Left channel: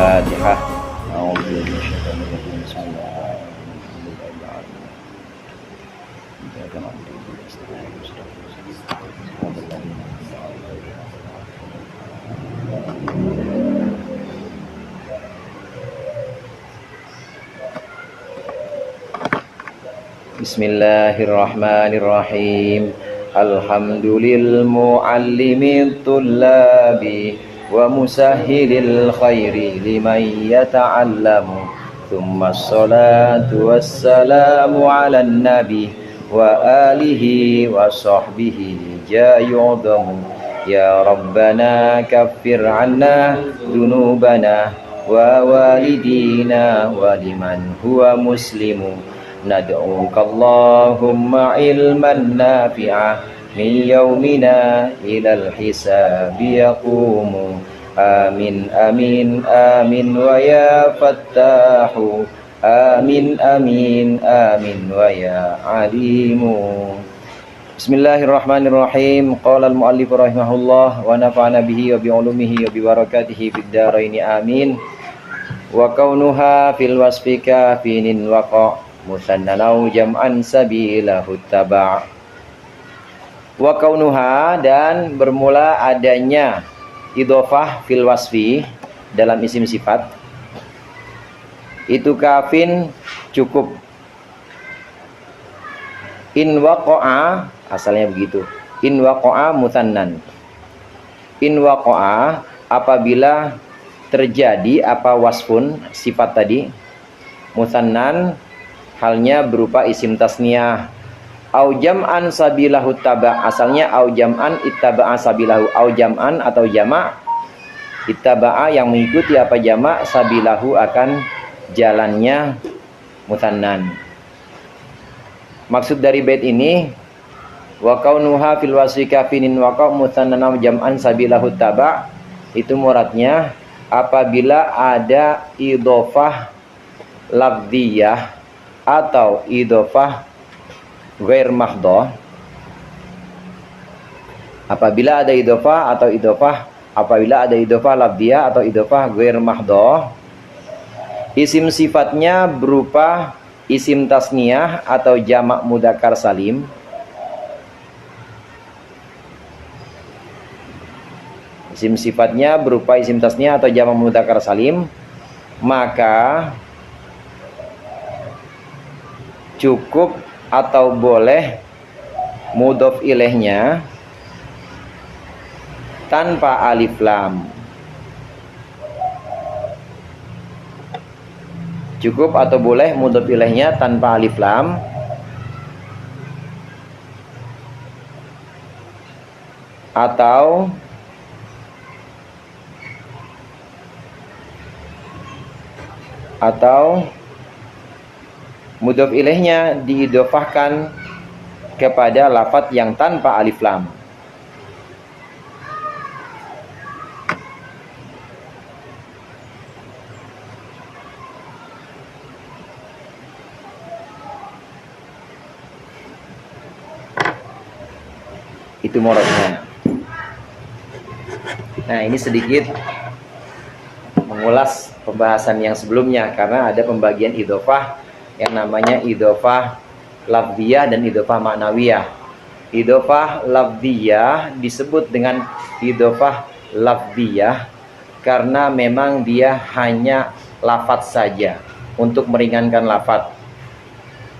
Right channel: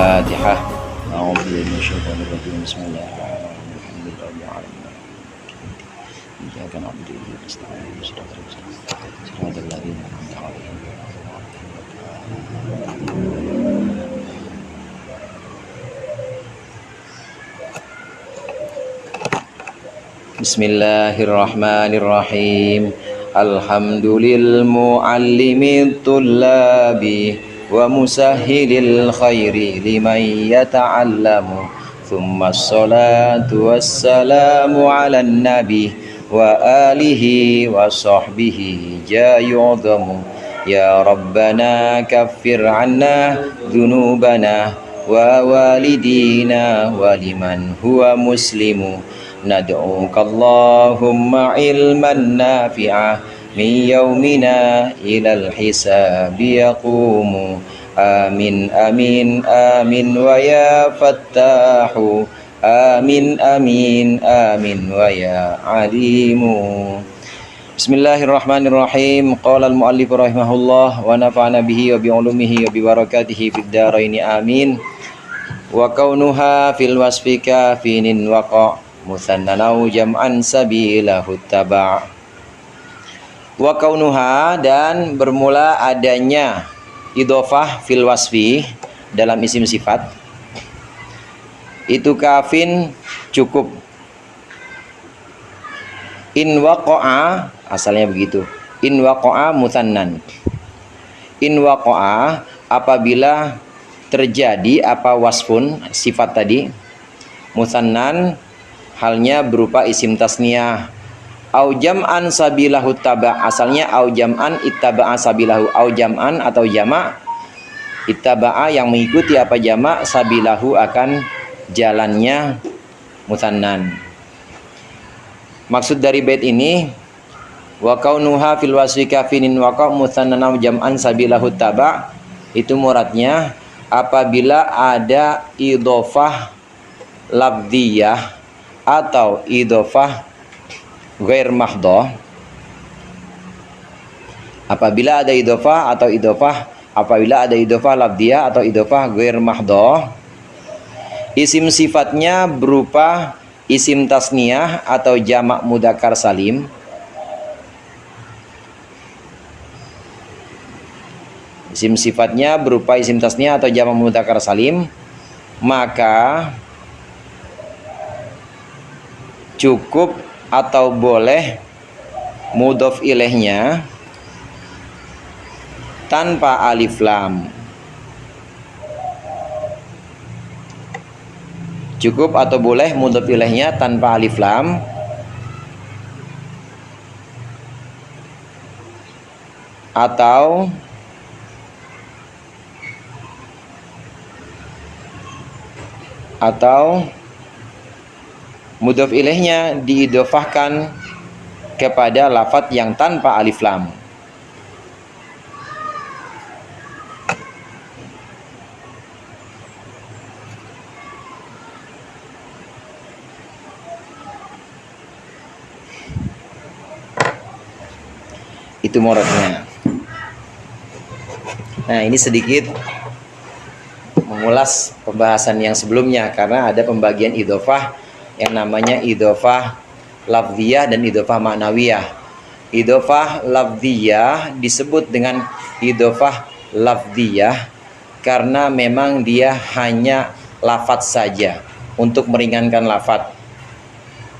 Al-Fatihah. A'udzu billahi minasyaitonir rajim. Bismillahirrahmanirrahim. Iyyaka na'budu wa iyyaka nasta'in. Shiratal ladzina an'amta 'alaihim. Bismillahirrahmanirrahim. Alhamdulil muallimit tullabi wa musahhilil khairi liman yata'allamu. Thumma assalatu wassalamu ala nabi wa alihi wa sahbihi jayu'udhamu. Ya Rabbana kaffir anna dhunubana wa walidina wa liman huwa muslimu. Nad'uka Allahumma ilman nafi'a min yaumina ilal hisabi yaqumu. Amin amin amin wa ya fattahu. Amin amin amin wa ya alimu. Bismillahirrahmanirrahim. Qala al-muallif rahimahullah wa nafa'ana bihi wa bi ulumihi wa bi barakatihi fid dharain amin. Wa kaunuha fil wasfi kafinin waqa' musannanau jam'an sabilahu taba'. Wa kaunuha, dan bermula adanya idhofah fil wasfi dalam isim sifat, itu kafin cukup. In waqa'a, asalnya begitu. In waqa'a musannan. In waqa'a, apabila terjadi apa wasfun sifat tadi musannan, halnya berupa isim tasniyah. Au jam'an sabilahu taba', asalnya au jam'an ittaba'a sabilahu. Au jam'an atau jama' ittaba'a yang mengikuti apa jama', sabilahu akan jalannya musannan. Maksud dari bait ini, wa kaunuha fil wasfi kafinin waqa' musannan au jam'an sabilahu taba', itu muradnya apabila ada idhofah lafdhiyah atau idhofah ghair mahdhah. Apabila ada idhofah atau idhofah, apabila ada idhofah lafdhiyah atau idhofah ghair mahdhah, isim sifatnya berupa isim tasniyah atau jamak mudzakkar salim. Isim sifatnya berupa isim tasniyah atau jamak mudzakkar salim, maka cukup atau boleh mudhof ilaihnya tanpa alif lam. Cukup atau boleh mudhof ilaihnya tanpa alif lam, atau mudhof ilaihnya diidhofahkan kepada lafadz yang tanpa alif lam. Itu muradnya. Nah, ini sedikit mengulas pembahasan yang sebelumnya, karena ada pembagian idhofah yang namanya idhofah lafdhiyah dan idhofah ma'nawiyah. Idhofah lafdhiyah disebut dengan idhofah lafdhiyah karena memang dia hanya lafadz saja untuk meringankan lafadz.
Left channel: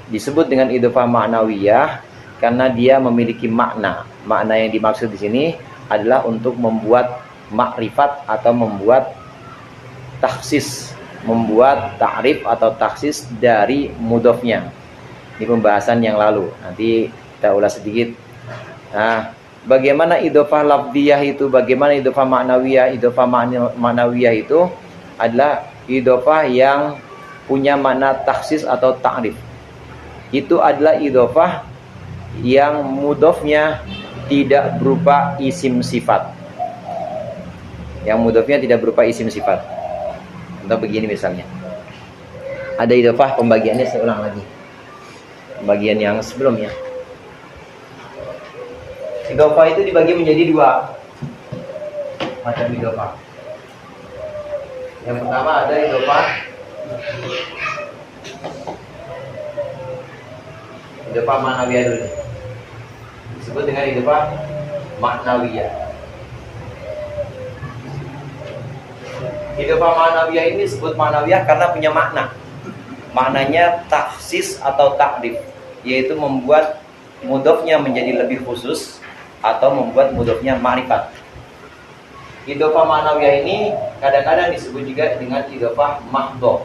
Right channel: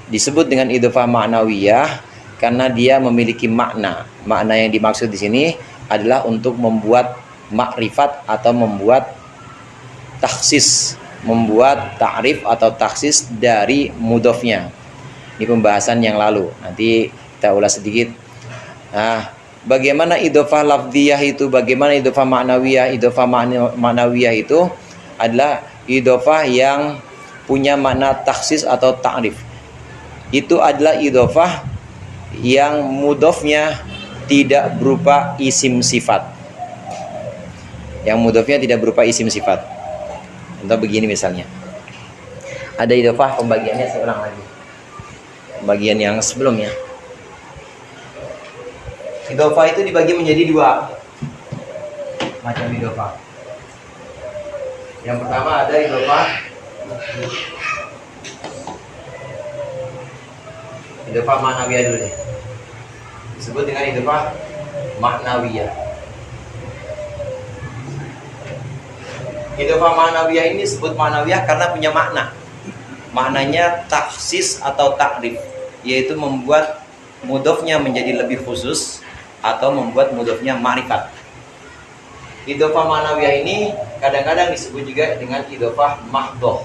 Disebut dengan idhofah ma'nawiyah karena dia memiliki makna. Makna yang dimaksud di sini adalah untuk membuat makrifat atau membuat takhsis, membuat ta'rif atau taksis dari mudhofnya. Ini pembahasan yang lalu, nanti kita ulas sedikit. Nah, bagaimana idhofah lafdhiyah itu, bagaimana idhofah ma'nawiyah? Idhofah ma'nawiyah itu adalah idhofah yang punya makna taksis atau ta'rif. Itu adalah idhofah yang mudhofnya tidak berupa isim sifat. Yang mudhofnya tidak berupa isim sifat. Contoh begini misalnya. Ada idhofah, pembagiannya saya ulang lagi. Pembagian yang sebelumnya. Idhofah itu dibagi menjadi dua macam idhofah. Yang pertama ada idhofah ma'nawiyah dulu nih. Disebut dengan idhofah ma'nawiyah. Idhofah ma'nawiyah ini disebut ma'nawiyah karena punya makna. Maknanya takhsis atau takrif, yaitu membuat mudhofnya menjadi lebih khusus atau membuat mudhofnya ma'rifat. Idhofah ma'nawiyah ini kadang-kadang disebut juga dengan idhofah mahdhoh.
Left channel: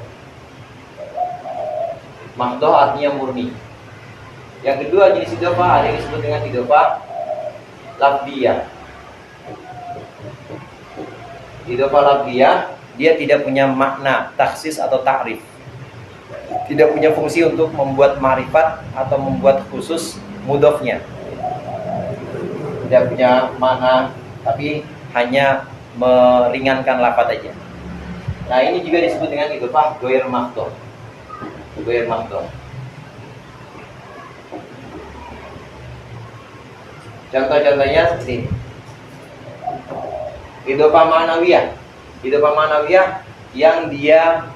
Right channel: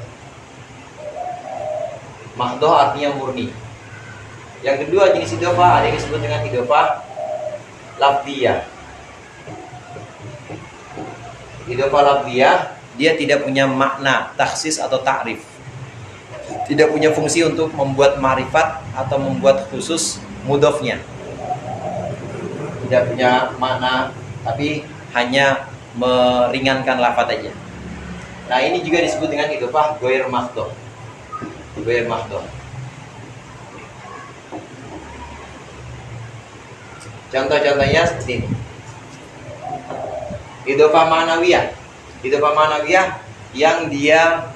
Mahdhoh artinya murni. Yang kedua jenis idhofah ada yang disebut dengan idhofah lafdhiyah. Idhofah lafdhiyah dia tidak punya makna takhsis atau takrif, tidak punya fungsi untuk membuat ma'rifat atau membuat khusus mudhofnya, tidak punya makna, tapi hanya meringankan lafaz aja. Nah, ini juga disebut dengan idhofah ghair mahdhoh. Ghair mahdhoh. Contoh-contohnya seperti ini. Idhofah ma'nawiyah. Idhofah ma'nawiyah yang dia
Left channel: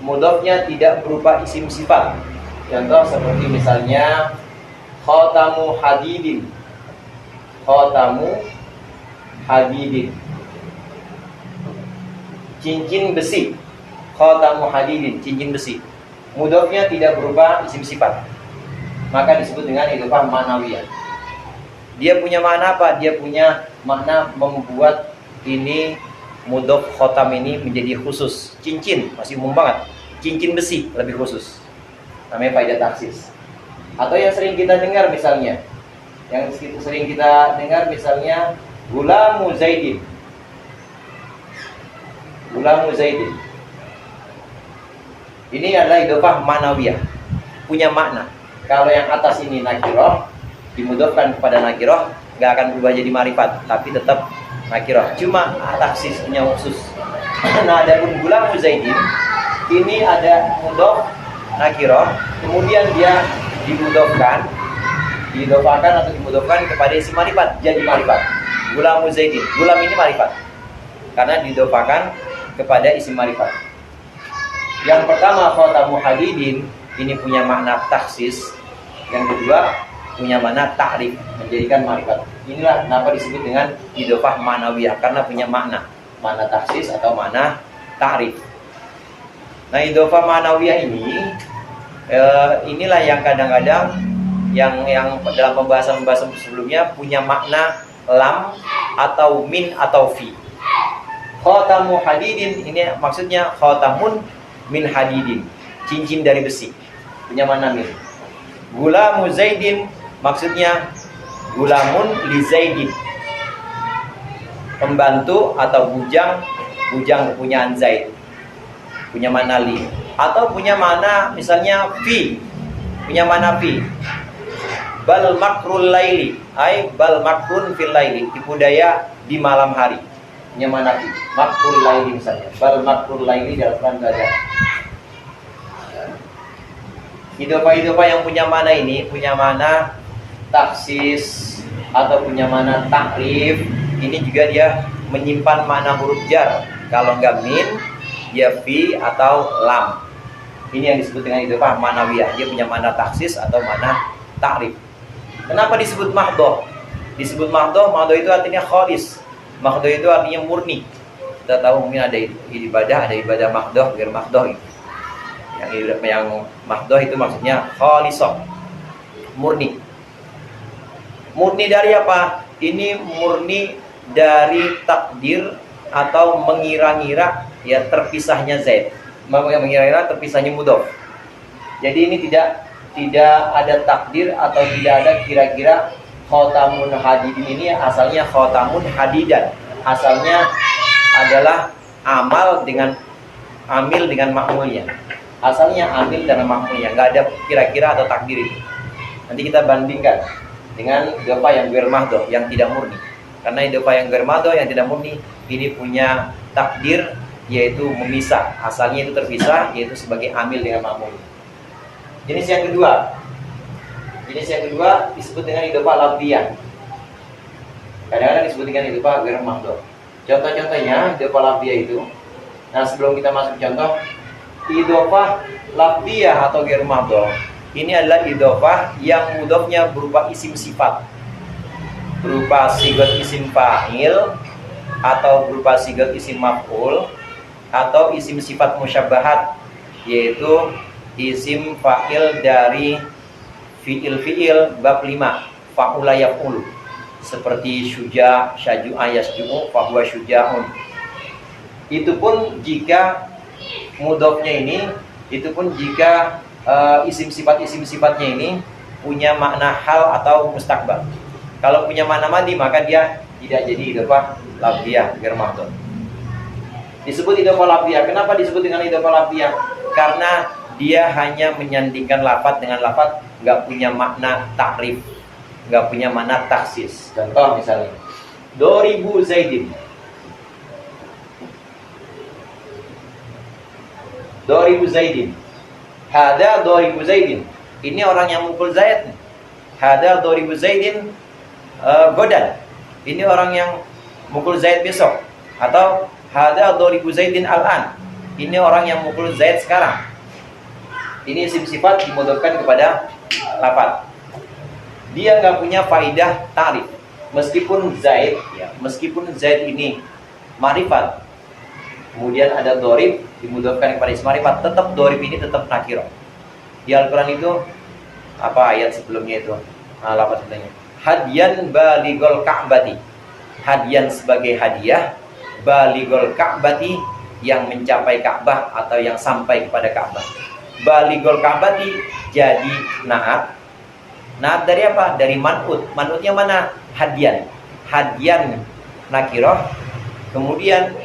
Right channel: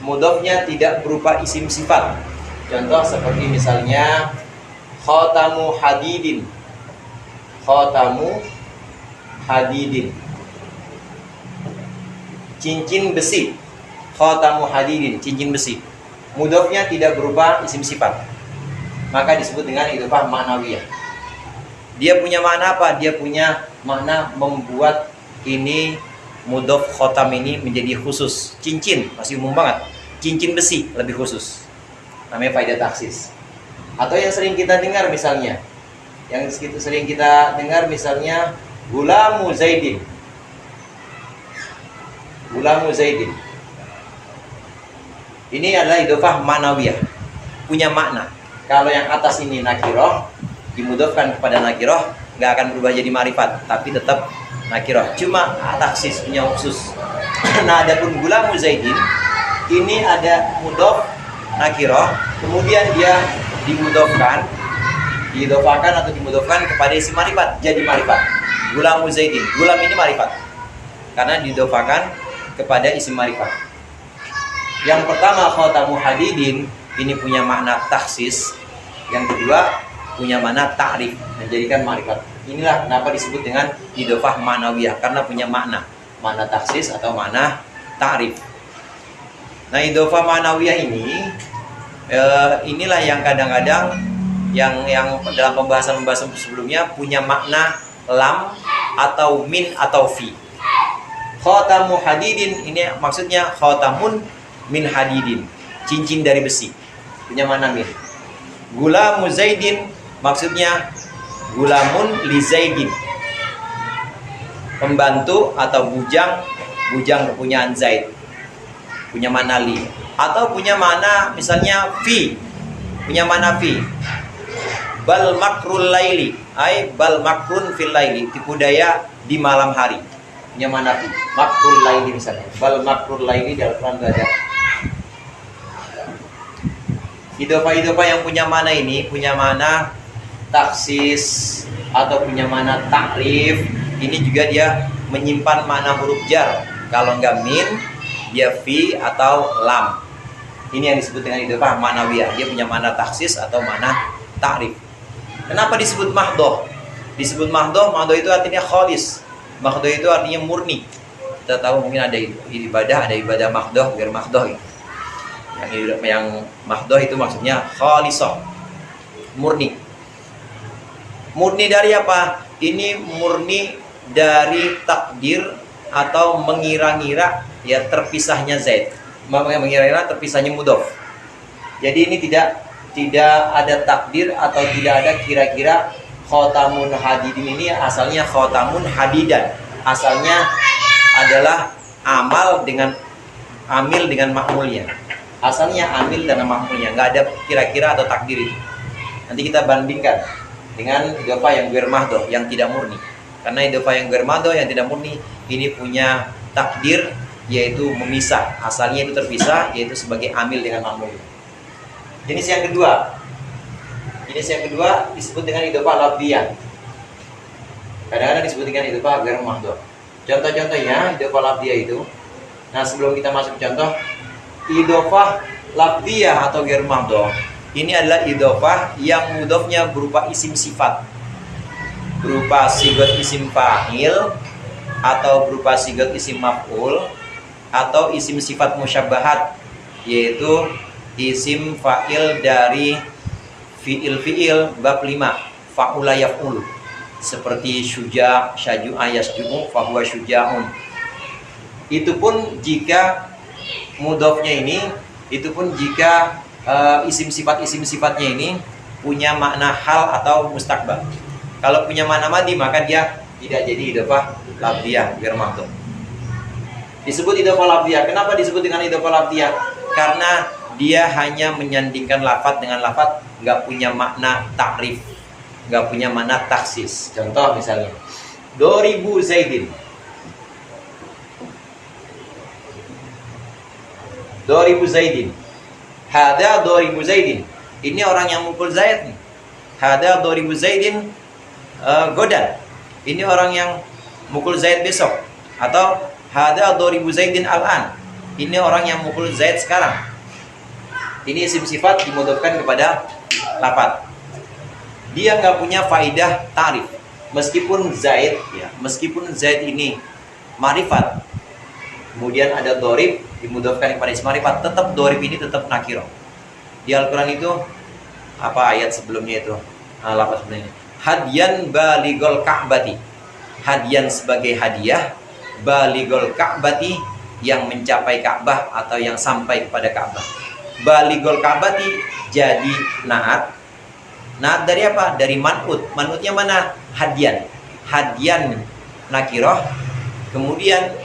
mudhofnya tidak berupa isim sifat. Contoh seperti misalnya khatamu hadidin. Khatamu hadidin. Cincin besi. Khatamu hadidin, cincin besi. Mudhofnya tidak berupa isim sifat. Maka disebut dengan idhofah ma'nawiyah. Dia punya makna apa? Dia punya makna membuat ini mudhof khotam ini menjadi khusus. Cincin masih umum banget. Cincin besi lebih khusus. Namanya faidah taksis. Atau yang sering kita dengar misalnya, gulamu zaidin. Gulamu zaidin. Ini adalah idhofah ma'nawiyah. Punya makna. Kalau yang atas ini nakiroh, dimudhofkan kepada nakiroh, nggak akan berubah jadi ma'rifat, tapi tetap nakiroh. Cuma taksis punya khusus. Nah, adapun gulamu zaidin ini ada mudhof nakiroh, kemudian dia dimudhofkan kepada isim ma'rifat, jadi ma'rifat. Gulamu zaidin, gulam ini ma'rifat karena didhofahkan kepada isim ma'rifat. Yang pertama khatamu hadidin ini punya makna taksis. Yang kedua punya makna ta'rif, menjadikan ma'rifat. Inilah kenapa disebut dengan idhofah ma'nawiyah, karena punya makna taksis atau makna ta'rif. Nah, idhofah ma'nawiyah ini inilah yang kadang-kadang yang dalam pembahasan sebelumnya punya makna lam atau min atau fi. Khatamu hadidin ini maksudnya khatamun min hadidin, cincin dari besi, punya makna min. Gulamu zaidin maksudnya gulamun li zaidin, pembantu atau bujang kepunyaan Zaid, punya makna li. Atau punya makna misalnya fi, punya makna fi. Bal makrul laili, ay bal makrun fil laili, tipu daya di malam hari, punya makna fi. Makrul laili misalnya, bal makrul laili dalam Quran belajar. Idhofah yang punya makna ini punya makna taksis atau punya makna takrif. Ini juga dia menyimpan makna huruf jar. Kalau enggak min, dia fi atau lam. Ini yang disebut dengan idhofah ma'nawiyah. Dia punya makna taksis atau makna takrif. Kenapa disebut mahdhoh? Disebut mahdhoh itu artinya khalis. Mahdhoh itu artinya murni. Kita tahu mungkin ada ibadah mahdhoh, ghair mahdhoh. Yang mahdhoh itu maksudnya khalisah, murni. Murni dari apa? Ini murni dari takdir atau mengira-ngira ya terpisahnya Zaid. Mengira-ngira terpisahnya mudhof. Jadi ini tidak ada takdir atau tidak ada kira-kira. Khotamun hadidin ini asalnya khotamun hadidan. Asalnya adalah amil dengan makmulnya. Asalnya amil dengan makmulnya, nggak ada kira-kira atau takdir itu. Nanti kita bandingkan dengan idhofah yang ghair mahdhoh, yang tidak murni. Karena idhofah yang ghair mahdhoh, yang tidak murni, ini punya takdir, yaitu memisah. Asalnya itu terpisah, yaitu sebagai amil dengan makmul. Jenis yang kedua disebut dengan idhofah lafdhiyah. Kadang-kadang disebut dengan idhofah ghair mahdhoh. Contoh-contohnya idhofah lafdhiyah itu Nah, sebelum kita masuk ke contoh, idhofah lafdhiyah atau ghair mahdhuf, ini adalah idhofah yang mudhofnya berupa isim sifat, berupa sigot isim fa'il, atau berupa sigot isim maf'ul, atau isim sifat musyabbahat, yaitu isim fa'il dari fi'il bab 5, fa'ula yaf'ul, seperti syuja, syaju'a yasju'u, fahuwa syuja'un. Itu pun jika mudhofnya ini, itu pun jika isim sifatnya ini punya makna hal atau mustakbal. Kalau punya makna madi, maka dia tidak jadi idhofah lafdhiyah ghair mahdhuf. Disebut idhofah lafdhiyah. Kenapa disebut dengan idhofah lafdhiyah? Karena dia hanya menyandingkan lafadz dengan lafadz, nggak punya makna takrif, nggak punya makna taksis. Contoh misalnya, doribu Zaidin. Doribu Zaidin. Hada doribu Zaidin. Ini orang yang mukul Zaid nih. Hada doribu Zaidin godan. Ini orang yang mukul Zaid besok. Atau hada doribu Zaidin al-an. Ini orang yang mukul Zaid sekarang. Ini isim sifat dimudhofkan kepada lafadz. Dia nggak punya faidah ta'rif. Meskipun Zaid ini ma'rifat, kemudian ada dorib dimudhofkan kepada isim ma'rifat, tetap dorib ini tetap nakirah. Di Al-Quran itu apa ayat sebelumnya itu? Lafaz sebelumnya. Hadiyan baligol ka'bati. Hadiyan sebagai hadiah, baligol ka'bati yang mencapai Ka'bah atau yang sampai kepada Ka'bah. Baligol ka'bati jadi naat. Naat dari apa? Dari man'ut. Man'utnya mana? Hadiyan. Hadiyan nakirah. Kemudian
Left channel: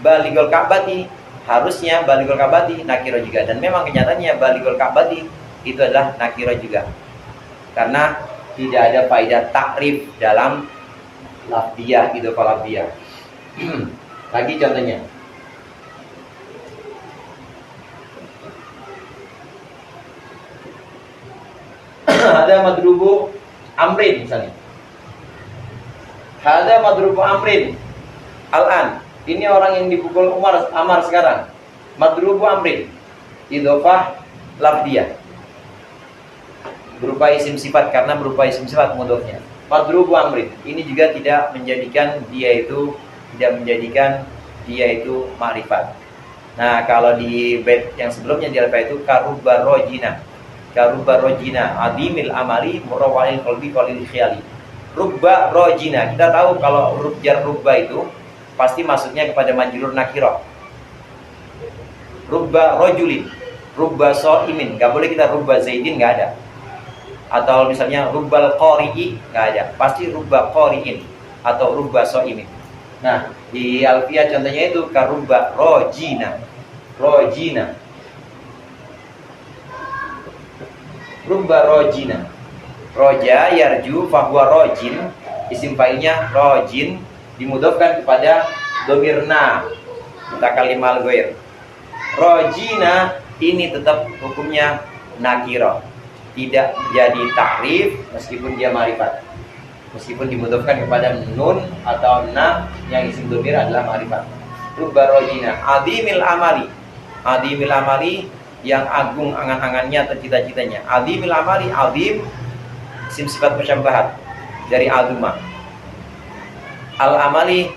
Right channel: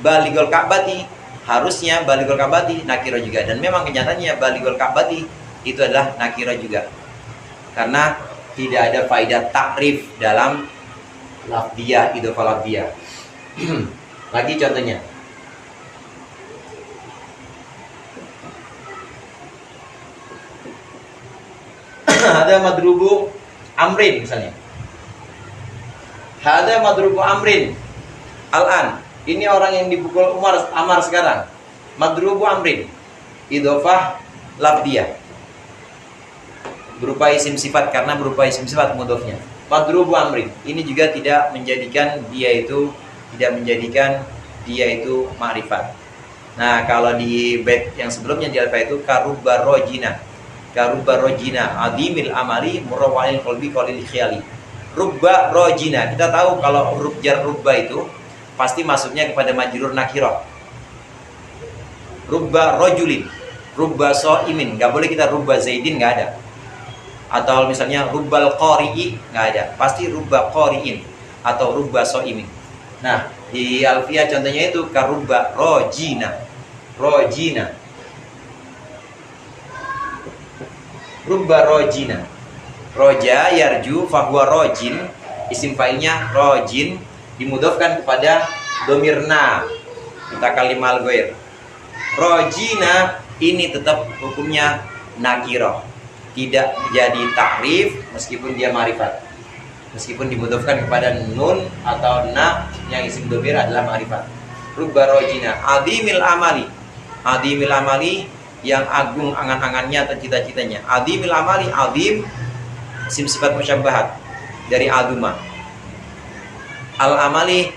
baligol ka'bati, harusnya baligol ka'bati nakirah juga. Dan memang kenyataannya baligol ka'bati itu adalah nakirah juga. Karena tidak ada faedah takrif dalam lafdhiyah, idhofah lafdhiyah. Lagi contohnya. Ada madrubu amrin misalnya. Ada madrubu amrin al-an. Ini orang yang dipukul Amar sekarang. Madrubu amrin. Idhofah lafdhiyah. Berupa isim sifat, karena berupa isim sifat mudhofnya. Madrubu amrin. Ini juga tidak menjadikan dia itu ma'rifat. Nah, kalau di bait yang sebelumnya di alfa itu karubba rojina. Karubba rojina adimil amali murawalil qalbi qalil khiyali. Rubba rojina. Kita tahu kalau huruf jar rubba itu pasti masuknya kepada majrur nakirah. Rubba rojulin, rubba so'imin, nggak boleh kita rubba zaidin, nggak ada. Atau misalnya rubbal qori'i, nggak ada. Pasti rubba qori'in atau rubba so'imin. Nah, di alfiyah contohnya itu karubba rojina. Rojina. Rubba rojina. Roja yarju fahuwa rojin. Isim fa'ilnya rojin, dimudhofkan kepada domirna mutakalimal ghair. Rojina ini tetap hukumnya nakirah, tidak jadi takrif meskipun dia ma'rifat, meskipun dimudhofkan kepada nun atau na yang isim domir adalah ma'rifat. Rubba rojina adimil amali. Adimil amali yang agung angan-angannya atau cita-citanya. Adimil amali, adim isim sifat musyabbahat dari aduma. Al-amali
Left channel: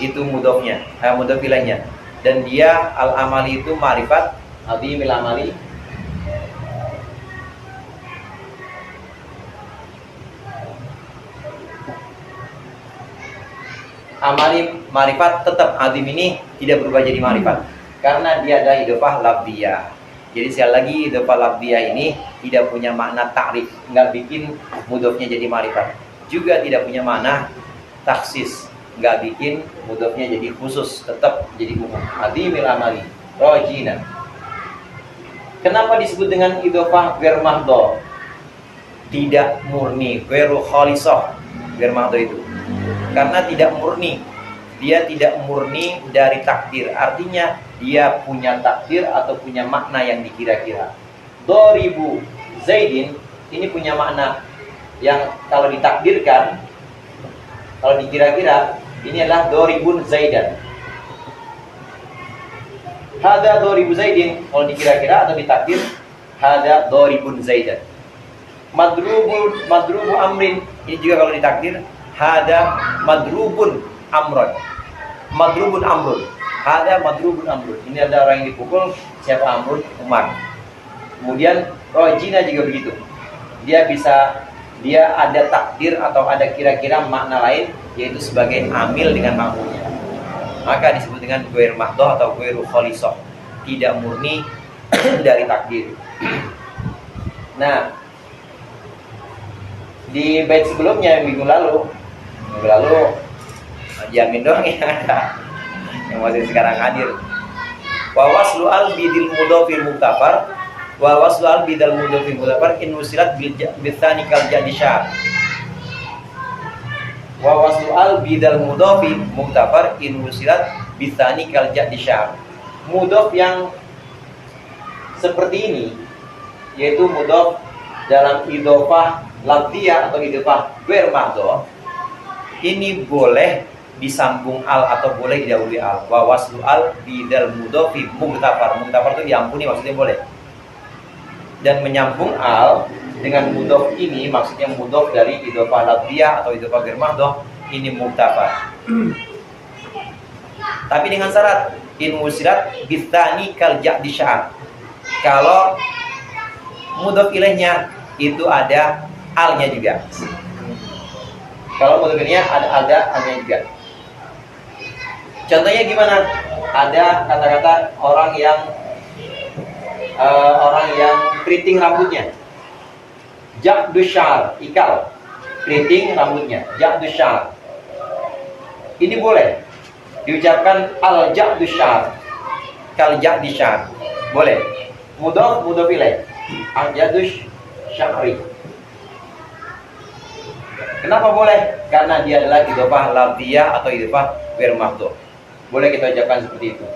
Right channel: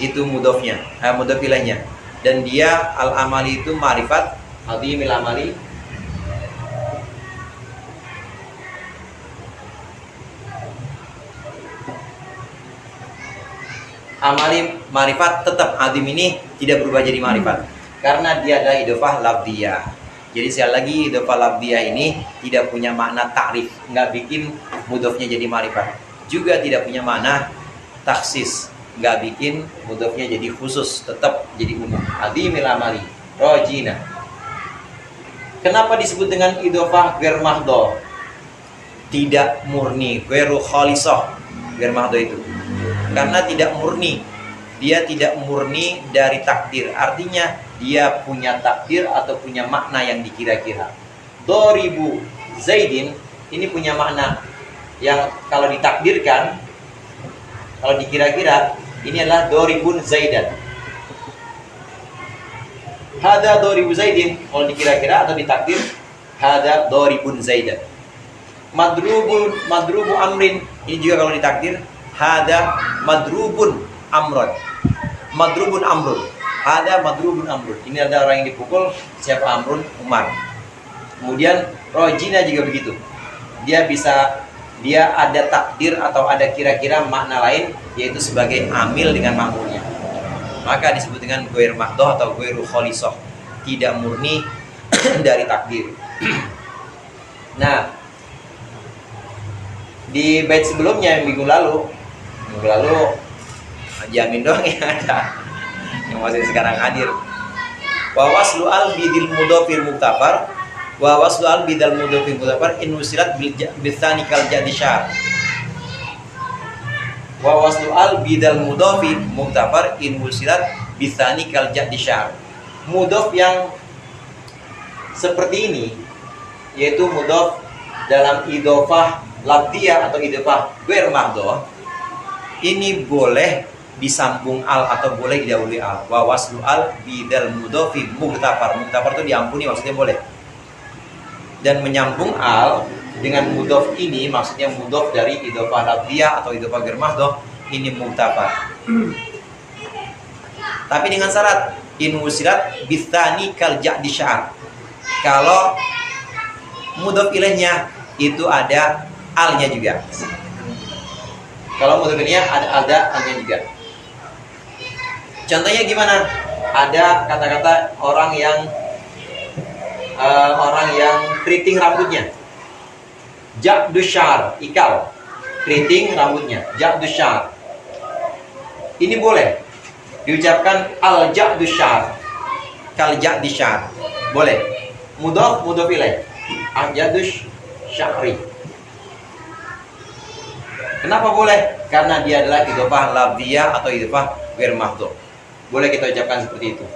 itu mudhofnya, mudhof ilainya, dan dia al-amali itu ma'rifat. Adimil amali amali ma'rifat, tetap adim ini tidak berubah jadi ma'rifat karena dia adalah idhofah lafdhiyah. Jadi sekali lagi, idhofah lafdhiyah ini tidak punya makna ta'rif, nggak bikin mudhofnya jadi ma'rifat, juga tidak punya makna taksis, nggak bikin mudhofnya jadi khusus, tetap jadi umum. Adimil amali rojina. Kenapa disebut dengan idhofah ghair mahdhuf? Tidak murni, ghairu khalisah. Ghair mahdhuf itu karena tidak murni, dia tidak murni dari takdir. Artinya dia punya takdir atau punya makna yang dikira-kira. Doribu Zaidin ini punya makna yang kalau ditakdirkan, kalau dikira-kira, ini adalah doribun Zaidan. Hada doribu Zaidin, kalau dikira-kira atau ditakdir, hada doribun Zaidan. Madrubu Amrin, ini juga kalau ditakdir, hada madrubun Amron. Madrubun Amrun, hada madrubun Amrun. Ini ada orang yang dipukul, siapa? Amrun? Umar. Kemudian Rojina juga begitu. Dia ada takdir atau ada kira-kira makna lain, yaitu sebagai amil dengan makmulnya. Maka disebut dengan ghair mahdoh atau ghairu kholisoh, tidak murni dari takdir. Nah, di bait sebelumnya minggu lalu jamin doang yang ada, yang masih sekarang hadir. Wa waslu al bidil mudhafir muktafar, wa waslu al bidal mudhafir muktafar in usilat bil tsani kal jadi syar. Wa waslu al bidal mudhafir muktafar in usilat bil tsani kal jadi syar. Mudhaf yang seperti ini, yaitu mudhaf dalam idhofah lafdhiyah atau idhofah ghair mahdhuf, ini boleh disambung al atau boleh didahului al. Wa waslu al bidal mudhafi muktafar. Muktafar itu diampuni, maksudnya boleh. Dan menyambung al dengan mudhaf ini maksudnya mudhaf dari idhofah lafdhiyah atau idhofah ghair mahdhuf, ini muktafar. Tapi dengan syarat in musilat bitsani kal jadi syar. Kalau mudhaf ilaihnya itu ada alnya juga. Kalau mudhaf ilaihnya ada alnya juga. Contohnya gimana? Ada kata-kata orang yang keriting rambutnya. Ja'du syar, ikal. Keriting rambutnya, ja'du syar. Ini boleh diucapkan al-ja'du syar, kal ja'di syar. Boleh. Mudhaf ilaih. Al-ja'du syari. Kenapa boleh? Karena dia adalah idhofah lafdhiyah atau idhofah ghair mahdhuf. Boleh kita ucapkan seperti itu.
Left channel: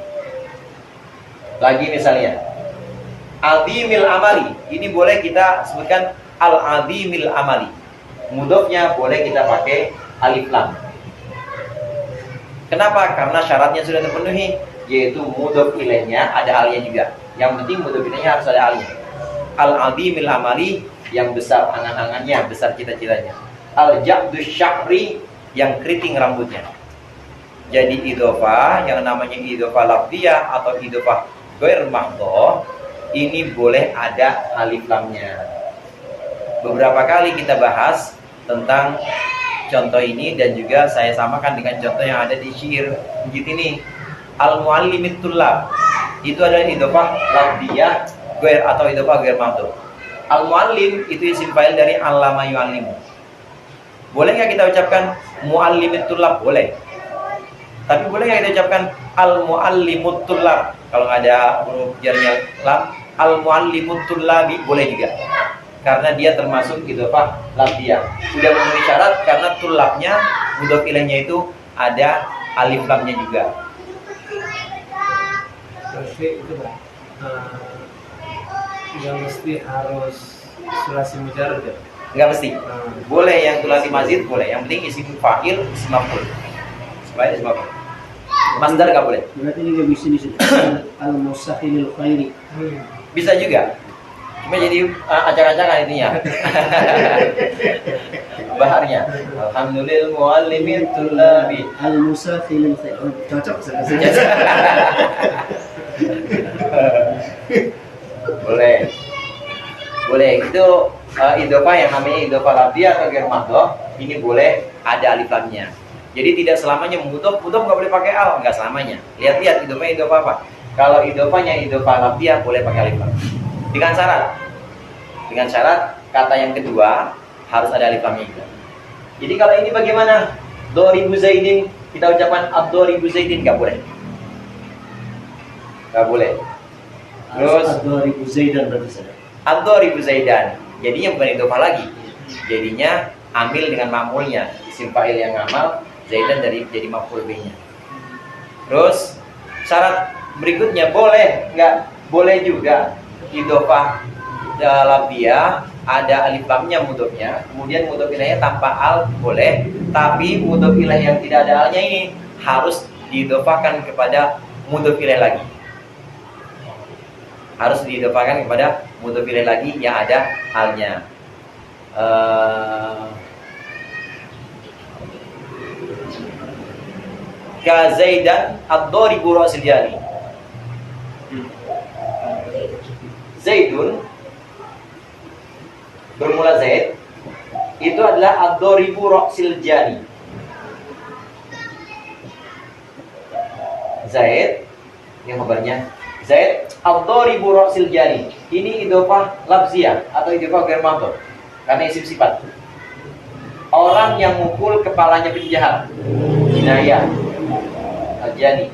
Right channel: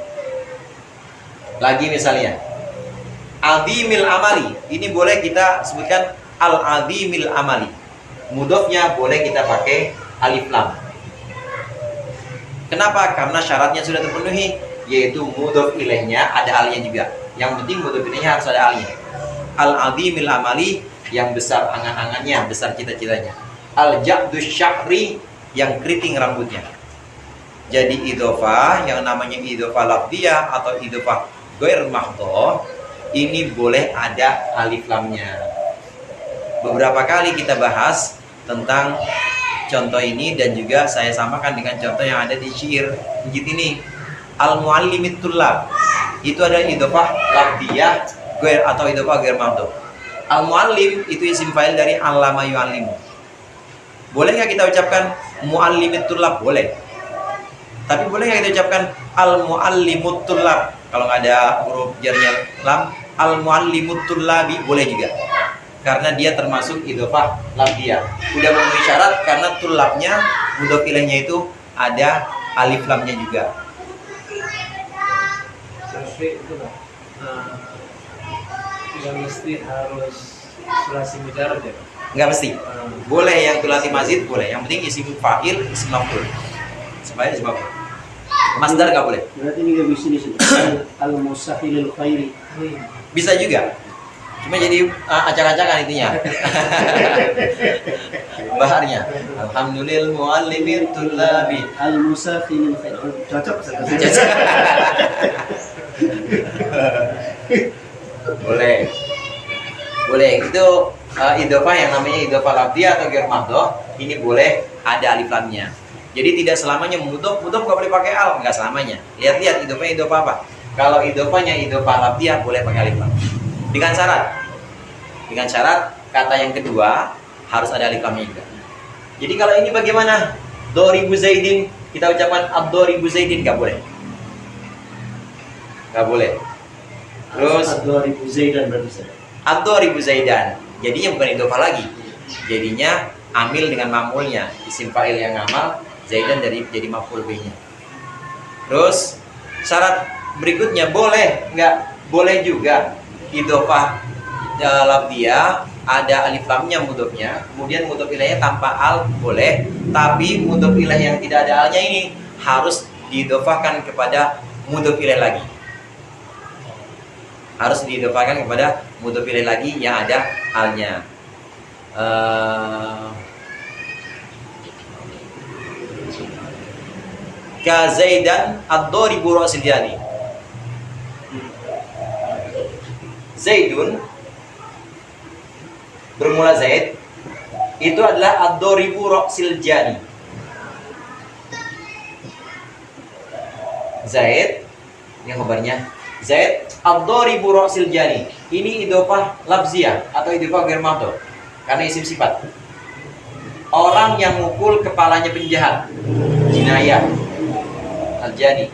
Lagi misalnya azimil amali, ini boleh kita sebutkan al-azimil amali. Mudhafnya boleh kita pakai alif lam. Kenapa? Karena syaratnya sudah terpenuhi, yaitu mudhaf ilaihnya ada alnya juga. Yang penting mudhaf ilaihnya harus ada alnya. Al-azimil amali, yang besar angan-angannya, besar cita-citanya. Al-ja'du sya'ri, yang keriting rambutnya. Jadi idhofah yang namanya idhofah lafdhiyah atau idhofah ghair mahdhuf, ini boleh ada alif lamnya. Beberapa kali kita bahas tentang contoh ini dan juga saya samakan dengan contoh yang ada di syair Njit ini. Al-muallimit tullab, itu adalah idhofah lafdhiyah ghair atau idhofah ghair mahdhuf. Al-muallim itu isim fa'il dari allama yu'allimu. Boleh nggak kita ucapkan muallimit tullab? Boleh. Tapi boleh nggak kita ucapkan al-muallimut tullab? Kalau nggak ada huruf jarnya lam, al-muallimut tullabi boleh juga. Karena dia termasuk idhofah lafdhiyah. Udah memenuhi syarat karena tullabnya mudhaf ilaihnya itu ada alif lamnya juga. Jadi itu Pak, yang mesti harus sulasi mujarrad ya? Nggak mesti. Boleh yang tulasi mazid boleh. Yang penting isim fa'il, isim maf'ul. Supaya isim maf'ul. Masdar nggak boleh. Berarti ini nggak bisa disebut al-musahilil khairi. Bisa juga. Cuma jadi acak-acakan intinya. Baharnya. Alhamdulillah muallimit tullabi. Al-musahilil khairi. Cocok sekali. Boleh. Itu idhofah yang namanya idhofah lafdhiyah atau ghair mahdhuf, ini boleh ada alif lamnya. Jadi tidak selamanya mudhaf nggak boleh pakai al, nggak selamanya. Lihat idhofah apa. Kalau idhofahnya idhofah lafdhiyah boleh pakai alif lam. Dengan syarat kata yang kedua harus ada alif lamnya juga. Jadi kalau ini bagaimana? Doribu Zaidin, kita ucapkan ad-doribu Zaidin, nggak boleh. Terus ad-doribu Zaidan berarti saja. ad-doribu Zaidan. Jadinya bukan idhofah lagi. Jadinya amil dengan ma'mulnya, isim fa'il yang ngamal, Zaidan jadi maf'ul bih-nya. Terus syarat berikutnya boleh nggak? Boleh juga idhofah lafdhiyah ada alif lamnya mudhofnya, kemudian mudhof ilaihnya tanpa al boleh, tapi mudhof ilaih yang tidak ada alnya ini harus diidhofahkan kepada mudhof ilaih lagi. harus diidofakan kepada mudhof ilaih lagi yang ada halnya. Ka Zaidan ad-daribu ra'sil jani. Zaidun bermula Zaid itu adalah ad-daribu ra'sil jani. Zaid yang kabarnya Zaid ad-daribu ra'sil jani. Ini idhofah lafziyah atau idhofah ghair mahdhuf karena isim sifat. Orang yang mukul kepalanya penjahat, jinayah. Al-jani.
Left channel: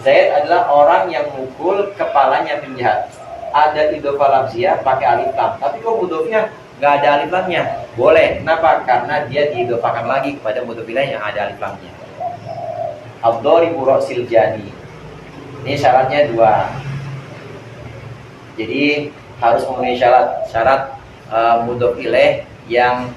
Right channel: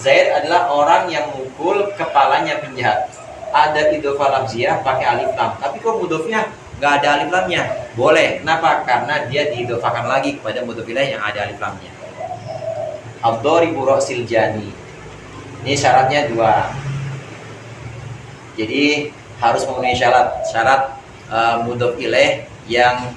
Zaid adalah orang yang mukul kepalanya penjahat. Ada idhofah lafziyah pakai alif lam. Tapi kok mudhofnya nggak ada alif lamnya? Boleh. Kenapa? Karena dia diidhofakan lagi kepada mudhof ilaih yang ada alif lamnya. Ad-daribu ra'sil jani. Ini syaratnya 2. Jadi harus memenuhi syarat mudhof ilaih yang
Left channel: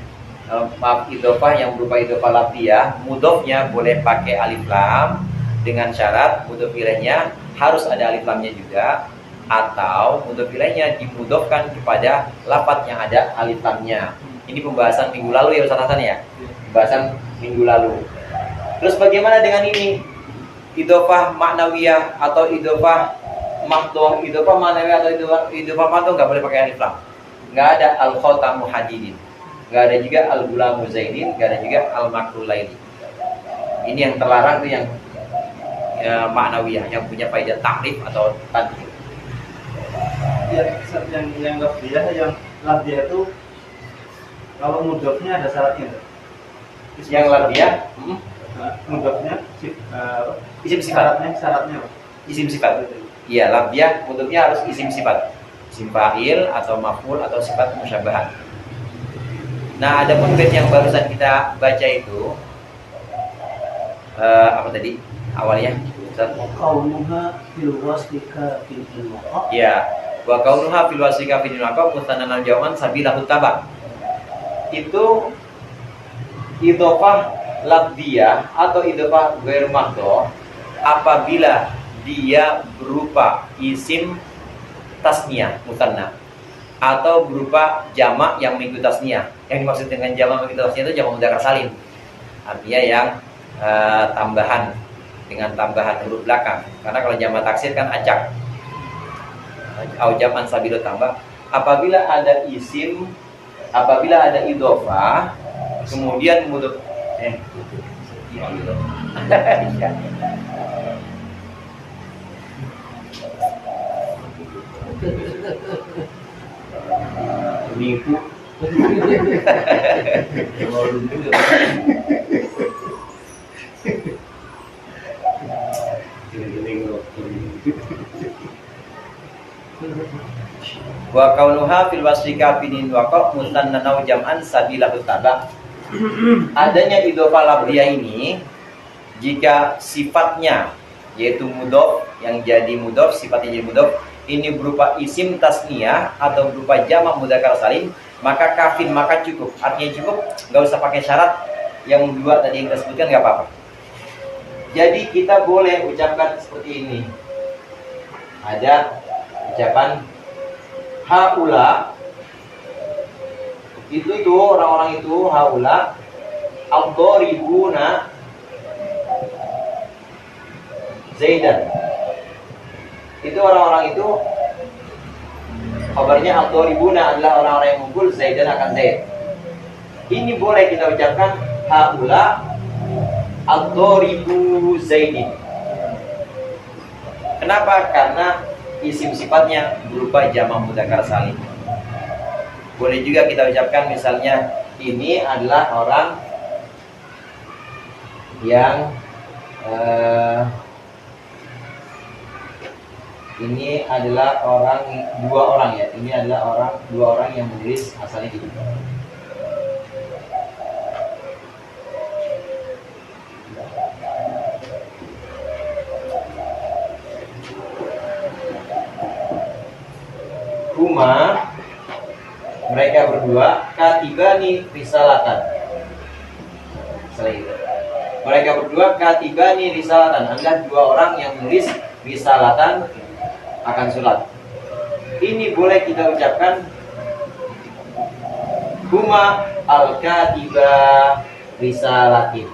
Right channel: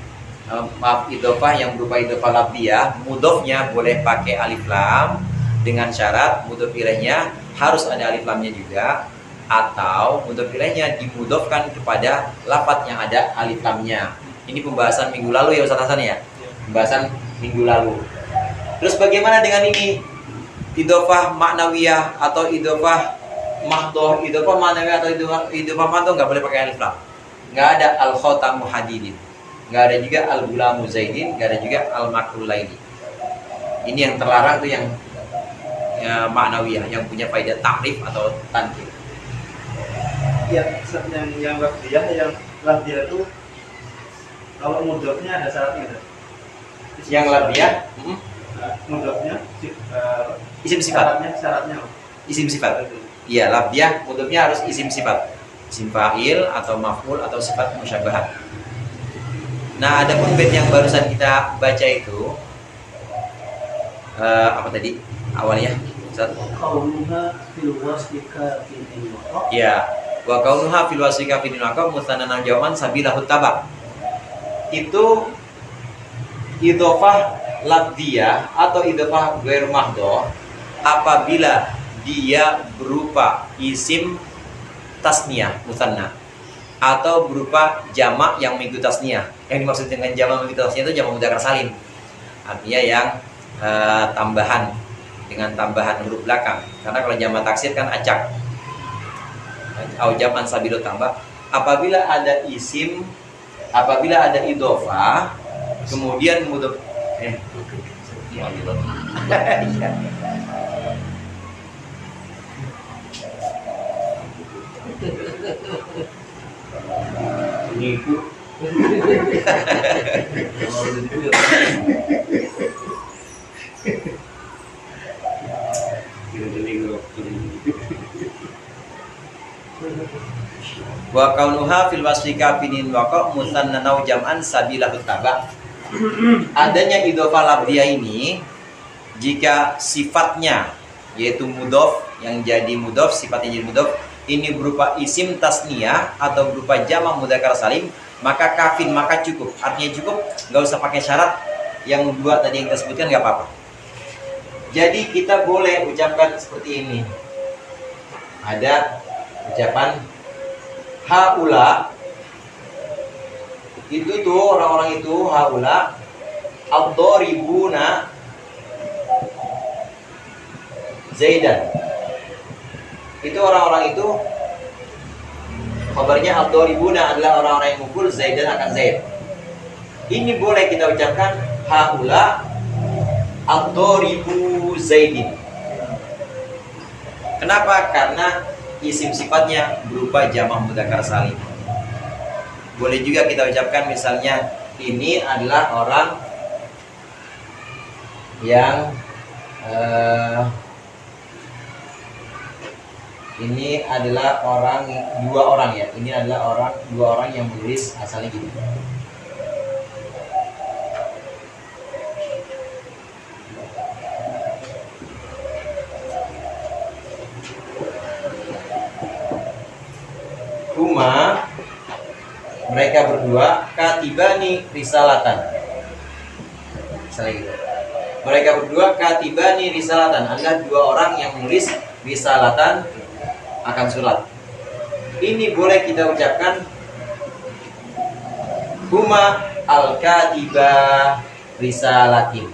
idhofah yang berupa idhofah lafziyah. Mudhofnya boleh pakai alif lam dengan syarat mudhof ilaihnya harus ada alif lamnya juga, atau mudhof ilaihnya dimudhofkan kepada lafadz yang ada alif lamnya. Ini pembahasan minggu lalu ya Ustaz Hasan ya. Pembahasan minggu lalu. Terus bagaimana dengan ini? Idhofah maknawiyah atau idhofah mahdhuf. Idhofah maknawiyah atau idhofah mahdhuf enggak boleh pakai alif lam. Enggak ada al-khatamu hadidin. Enggak ada juga al-gulamu zaidin, enggak ada juga al-makrul laili. Ini yang terlarang itu yang maknawiyah yang punya faedah takrif atau tanfir. Ya, yang lafziyah itu kalau mudhofnya ada syaratnya. Yang lafziyah mudhofnya isim sifat. Syaratnya. Isim sifat. Iya, lafziyah mudhofnya harus isim sifat. Isim fa'il atau maf'ul atau sifat musyabahah. Nah, ada pun bait yang barusan kita baca itu apa tadi? Awalnya Ustaz. Kaunuha fil wasfika fil inwaqa. Ya, wa kaunuha fil wasfika fil inwaqa mustannan al-jaman sabilahu tabak. Itu idhofah lafziyah atau idhofah ghair mahdhuf apabila dia berupa isim tasniyah musanna atau berupa jamak yang mengikuti tasniyah. Yang dimaksud dengan jamak mengikuti tasniyah itu jamak mudzakkar salim. Artinya yang tambahan dengan tambahan huruf belakang. Karena kalau jamak taksir kan acak. Au jaman sabilu tambah. Apabila ada isim, apabila ada idhofah, kemudian mudhof Nipu. wa kaunuha fil wasfika binin waqa musannan au jam'an sabilahu tabak. Adanya idhofah lafziyah ini jika sifatnya yaitu mudhof yang jadi mudhof, sifatnya jadi mudhof ini berupa isim tasniyah atau berupa jamak mudzakkar salim, maka kafin, maka cukup. Artinya cukup, nggak usah pakai syarat yang dua tadi yang kita sebutkan, nggak apa-apa. Jadi kita boleh ucapkan seperti ini. Ada ucapan haula, itu tuh orang-orang itu haula ad-dharibuna Zaidan. Itu orang-orang itu kabarnya ad-dharibuna adalah orang-orang yang mukul Zaidan akan Zaid. Ini boleh kita ucapkan haula ad-dharibu Zaidin. Kenapa? Karena isim sifatnya berupa jamak mudzakkar salim. Boleh juga kita ucapkan misalnya ini adalah orang yang ini adalah dua orang ya. Ini adalah dua orang yang menulis asalnya gitu. Huma, mereka berdua katibani risalatan. Misalnya gitu. Mereka berdua katibani risalatan. Adalah dua orang yang menulis risalatan akan surat. ini boleh kita ucapkan huma al-katiba risalatin.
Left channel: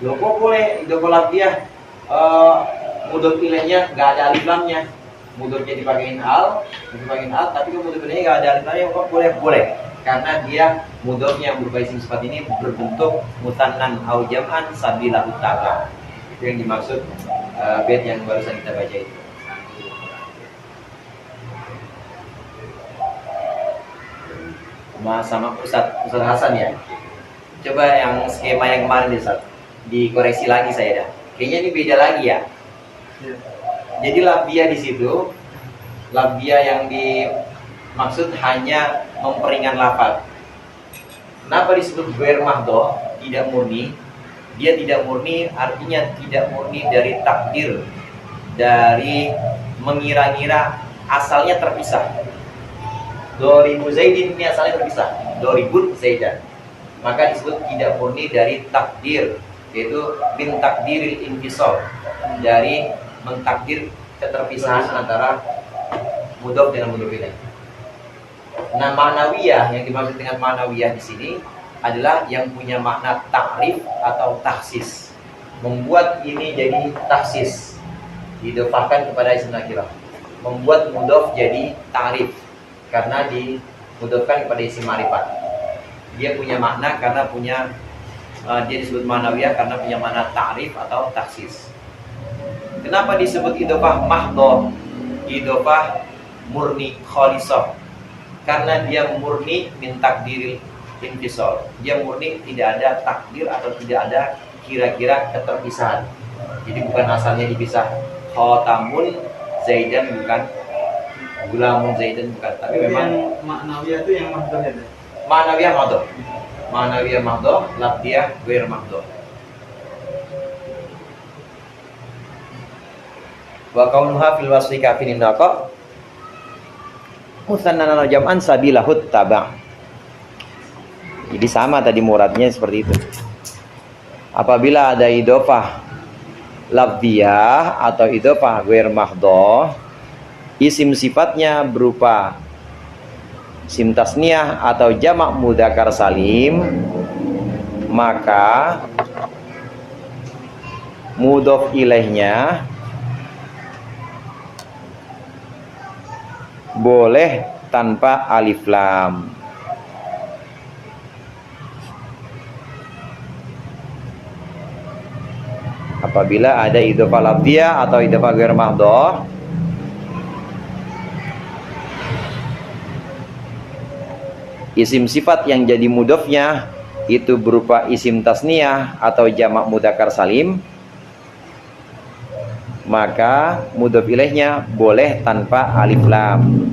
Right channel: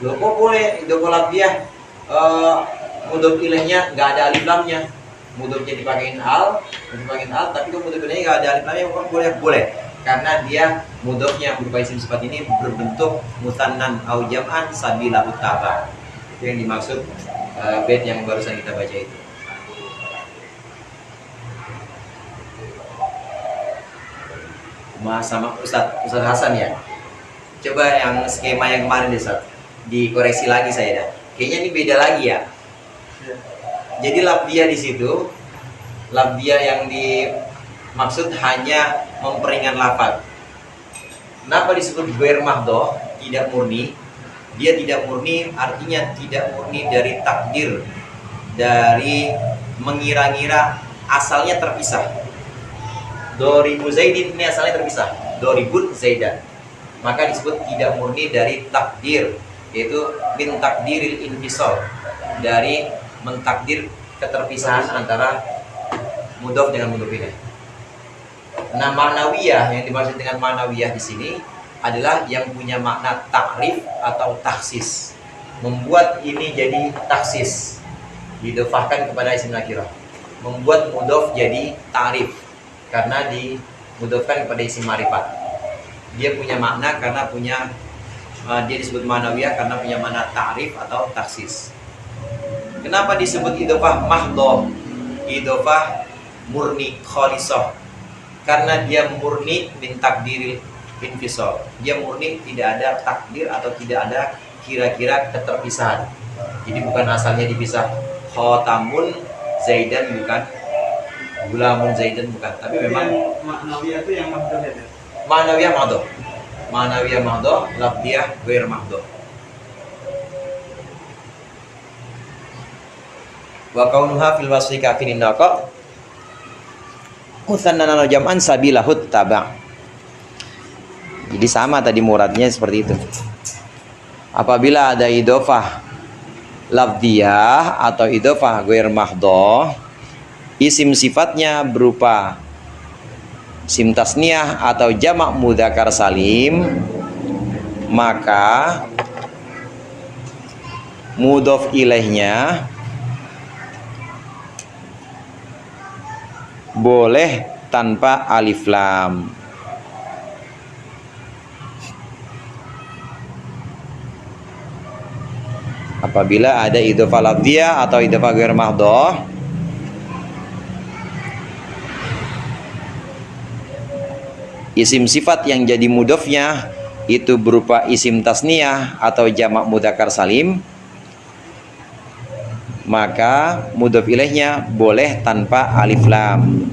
Loh kok boleh idofah lafziyah mudhof ilaihnya nggak ada alif lamnya, mudhofnya dipakein al, tapi kalau mudhof ilaihnya nggak ada alif lamnya, kok boleh? Boleh, karena dia mudhofnya berupa isim sifat ini berbentuk mutannan au jam'an sabila utaba. Itu yang dimaksud bait yang barusan kita baca itu. Sama Ustadz Hasan ya. Coba yang skema yang kemarin deh, Ustadz, dikoreksi lagi saya dah. Kayaknya ini beda lagi ya. Jadi lafziyah di situ, lafziyah yang dimaksud hanya memperingan lafaz. Kenapa disebut ghair mahdhah, tidak murni? Dia tidak murni artinya tidak murni dari takdir, dari mengira-ngira, asalnya terpisah. Doribu Zaidin ini asalnya terpisah, Doribun Zaidan. Maka disebut tidak murni dari takdir, yaitu min takdiril infisal, dari mentakdir keterpisahan antara mudhof dengan mudhof ilaih. Nah, ma'nawiyah yang dimaksud dengan ma'nawiyah di sini adalah yang punya makna takrif atau taksis, membuat ini jadi taksis, didofahkan kepada isim nakirah, membuat mudhof jadi takrif karena dimudhofkan kepada isim ma'rifat. Dia punya makna karena punya dia disebut ma'nawiyah karena punya makna takrif atau taksis. Kenapa disebut idofah mahdhah, idofah murni khalisah? Karena dia murni min takdiril infisal. Dia murni tidak ada takdir atau tidak ada kira-kira keterpisahan. Jadi bukan asalnya dipisah. Khotamun Zaidan bukan, Gulamun Zaidan bukan. Tapi memang maknawiyah itu yang mahdhah ya. ma'nawiyah mahdhah. Ma'nawiyah mahdhah, lafziyah ghair mahdhah. Wa kaunuha fil wasfi kafin naqa mutsannan jam'an sabilahut taba'. Jadi sama tadi muradnya seperti itu. Apabila ada idofah lafziyah atau idofah ghair mahdhah, isim sifatnya berupa isim tasniyah atau jamak mudzakkar salim, maka mudhof ilaihnya boleh tanpa alif lam. Apabila ada idhofah lafziyah atau idhofah ghair mahdhah, isim sifat yang jadi mudhofnya itu berupa isim tasniyah atau jamak mudzakkar salim, maka mudhof ilaihnya boleh tanpa alif lam.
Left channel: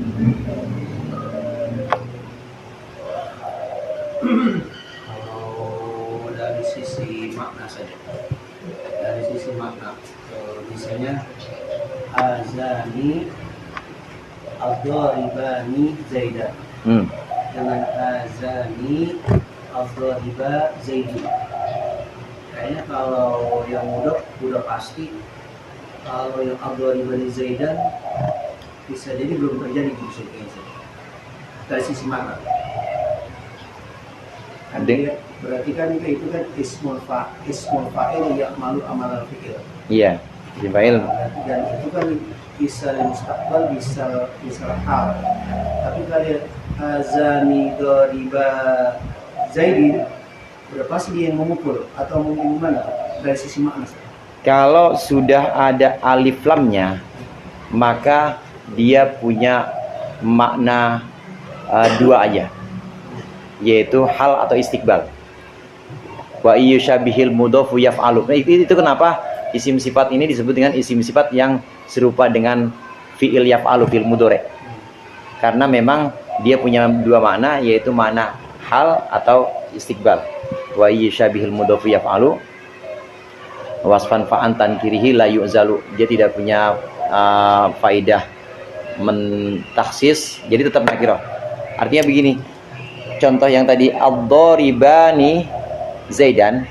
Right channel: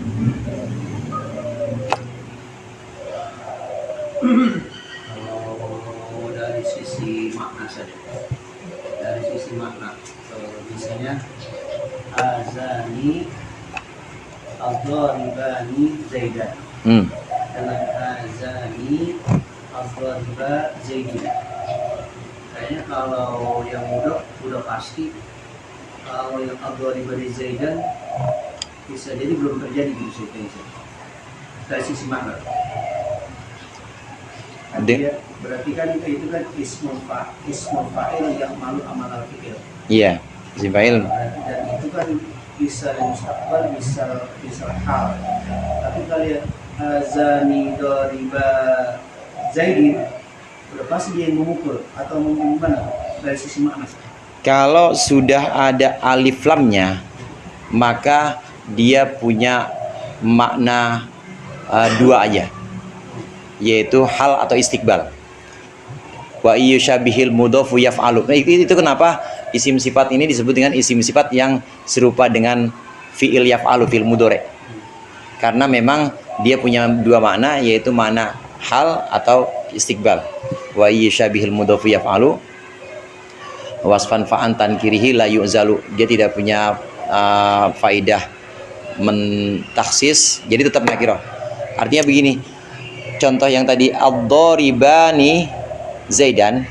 Kalau dari sisi makna saja, dari sisi makna, misalnya azani ad-dharibani Zaidan dengan azani ad-dhariba Zaidin. Kayaknya kalau yang udah pasti. Kalau yang ad-dharibani Zaidan bisa jadi belum terjadi di situ dari sisi makna. Berarti kan itu kan ismul fa'il yang malu amal al-fi'il. Iya, isim fa'il. Dan itu kan bisa mustaqbal, bisa hal. Tapi kalau azani dariba Zaidin, udah pasti dia yang memukul atau mungkin gimana dari sisi makna? Kalau sudah ada alif lamnya, maka dia punya makna dua aja, yaitu hal atau istiqbal. Wa yusyabihil mudhofu yaf'alu. Nah, itu kenapa isim sifat ini disebut dengan isim sifat yang serupa dengan fi'il yaf'alu, fi'il mudhari'. Karena memang dia punya dua makna, yaitu makna hal atau istiqbal. Wa yusyabihil mudhofu yaf'alu wasfan fa'an tankirihi la yu'zalu. Dia tidak punya faidah mentaksis, jadi tetap nakirah. Artinya begini, contoh yang tadi ad-dharibani Zaidan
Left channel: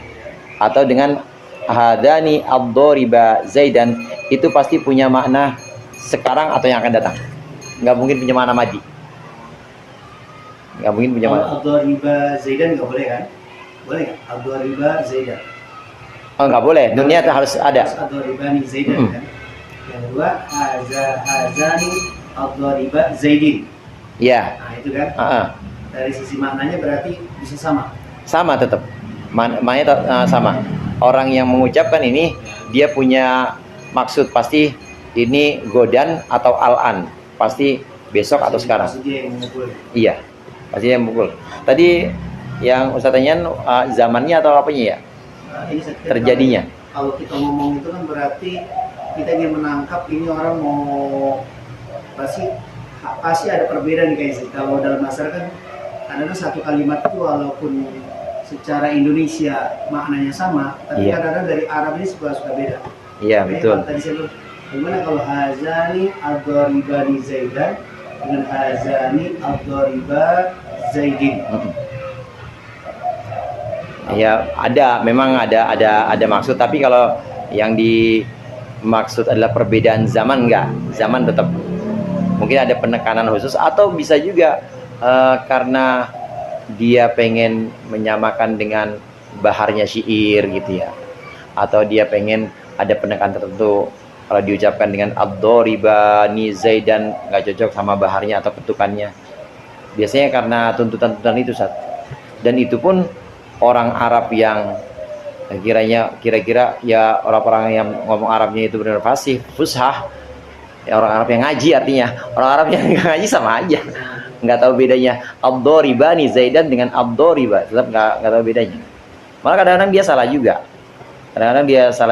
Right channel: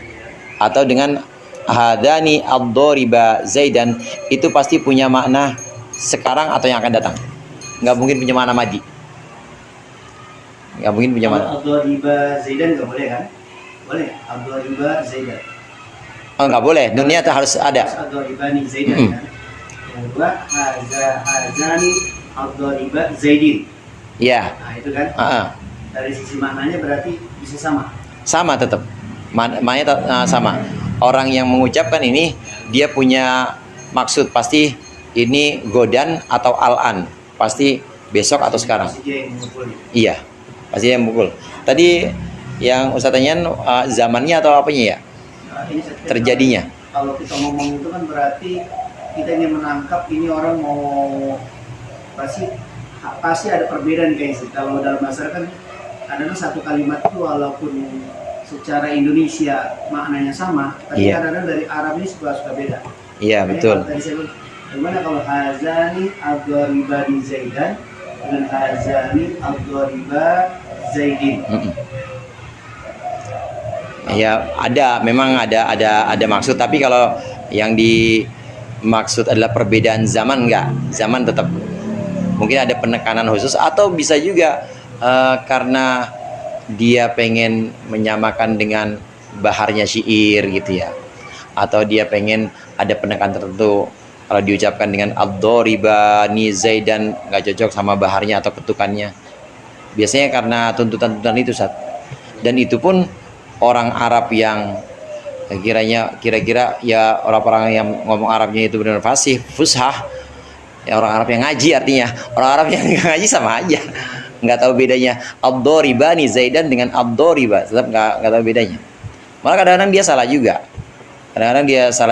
atau dengan hadani ad-dhariba Zaidan, itu pasti punya makna sekarang atau yang akan datang. nggak mungkin punya makna madi. Nggak mungkin punya makna. Kalau ad-dhariba Zaidan nggak boleh kan? Boleh nggak? Ad-dhariba Zaidan. Oh, nggak boleh. Dunia itu harus ada. Ad-dharibani Zaidan kan. Yang kedua hazani ad-dhariba Zaidin. Iya. Nah itu kan. Heeh. Dari sisi maknanya berarti bisa sama. Sama tetap. Maknanya sama. Orang yang mengucapkan ini dia punya maksud pasti ini godan atau al-an. Pasti besok atau sekarang. Pasti dia yang memukul. Iya. Pasti dia yang memukul. Tadi yang Ustaz tanyain zamannya atau apanya ya? Nah, ini saya kira Terjadinya. Kalau kita ngomong itu kan berarti kita ingin menangkap ini orang mau pasti ada perbedaan guys. Kalau dalam bahasa kan kadang satu kalimat itu walaupun secara Indonesia maknanya sama, tapi Iya. kadang-kadang dari Arab ini suka beda. Iya, Makanya betul. kalau tadi saya bilang, bagaimana kalau hazani ad-dharibani Zaidan dengan hazani ad-dhariba Zaidin? Ya memang ada maksud, tapi kalau yang dimaksud adalah perbedaan zaman, enggak, zaman tetap mungkin ada penekanan khusus, atau bisa juga karena dia pengen menyamakan dengan baharnya syair gitu ya, atau dia pengen ada penekanan tertentu. Kalau diucapkan dengan ad-dharibani Zaidan nggak cocok sama baharnya atau ketukannya, biasanya karena tuntutan-tuntutan itu, Ustaz. Dan itu pun orang Arab yang kira-kira ya orang-orang yang ngomong Arabnya itu benar fasih, fushah, ya orang Arab yang ngaji, artinya orang Arab yang nggak ngaji sama aja, nggak tahu bedanya ad-dharibani Zaidan dengan ad-dhariba, tetap nggak tahu bedanya. Malah kadang-kadang dia salah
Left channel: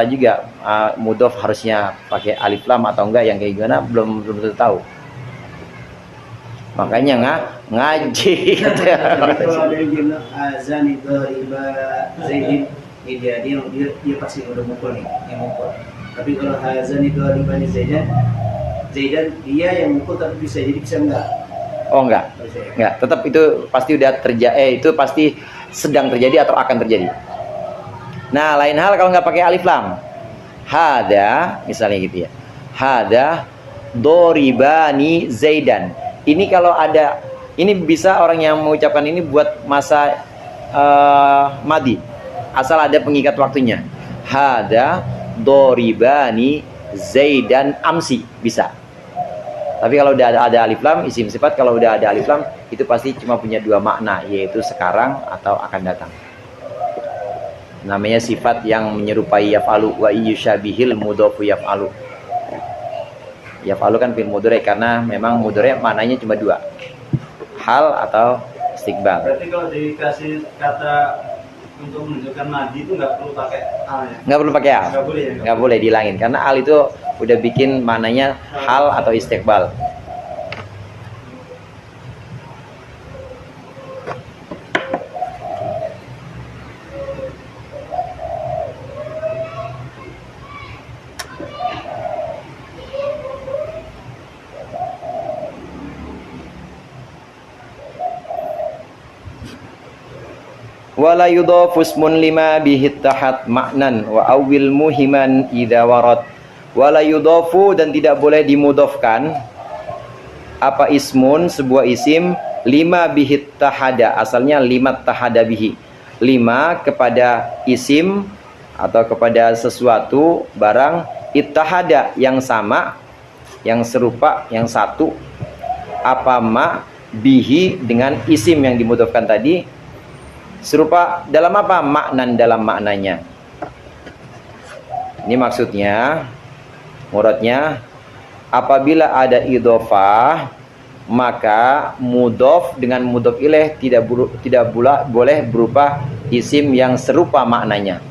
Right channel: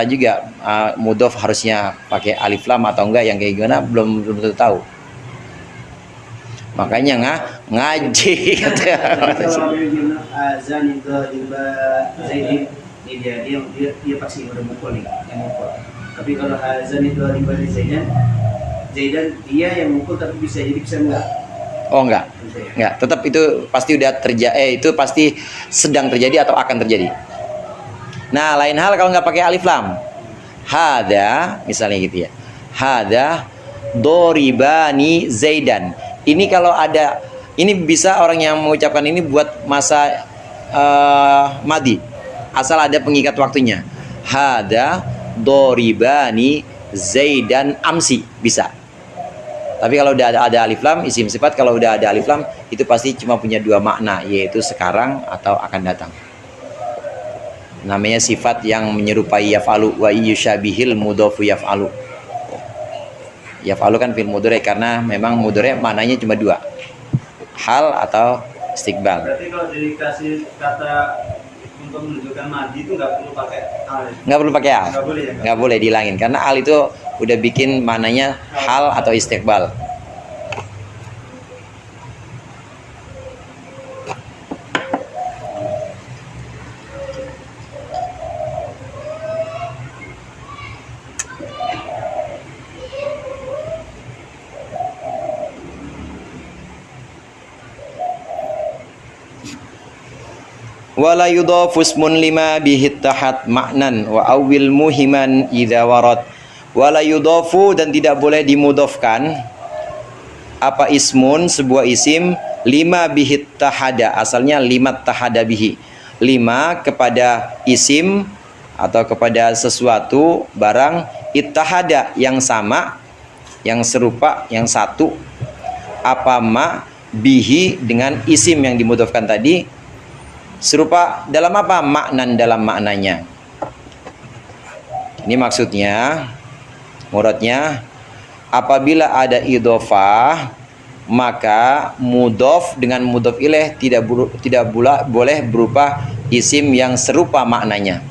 juga, mudhof harusnya pakai alif lam atau enggak, yang kayak gimana belum tentu tahu. Makanya ngaji. Kalau ada yang bilang azani dhariba Zaidin, ini dia pasti udah mukul nih, yang mukul. Tapi kalau azani dhariba Zaidan dia yang mukul, tapi bisa enggak. Oh enggak, tetap itu pasti udah terjadi, itu pasti sedang terjadi atau akan terjadi. Nah, lain hal kalau nggak pakai alif lam, hada misalnya gitu ya, hada doribani Zaidan. Ini kalau ada, ini bisa orang yang mengucapkan ini buat masa madi, asal ada pengikat waktunya. Hada doribani Zaidan amsi, bisa. Tapi kalau udah ada alif lam, isim sifat kalau udah ada alif lam itu pasti cuma punya dua makna, yaitu sekarang atau akan datang. Namanya sifat yang menyerupai yaf'alu, wa yusyabihil mudhofu yaf'alu. Yaf'alu kan fi'il mudhari, karena memang mudhari maknanya cuma dua, hal atau istiqbal. Berarti kalau dikasih kata untuk menunjukkan madi itu nggak perlu pakai al ya? Nggak perlu pakai al. Nggak boleh ya? Nggak boleh dihilangin, karena al itu udah bikin maknanya hal atau istiqbal. Wala yudhafu ismun lima bihi tahat ma'nan wa awil muhiman idza warad. Wala yudhafu, dan tidak boleh dimudhofkan apa ismun, sebuah isim, lima bihi tahada, asalnya lima tahada bihi, lima kepada isim atau kepada sesuatu barang, ittahada yang sama, yang serupa, yang satu, apa ma bihi dengan isim yang dimudhofkan tadi, serupa dalam apa? Maknan, dalam maknanya. Ini maksudnya, muradnya, apabila ada idhofah, maka mudhof dengan mudhof ilaih tidak boleh berupa isim yang serupa maknanya.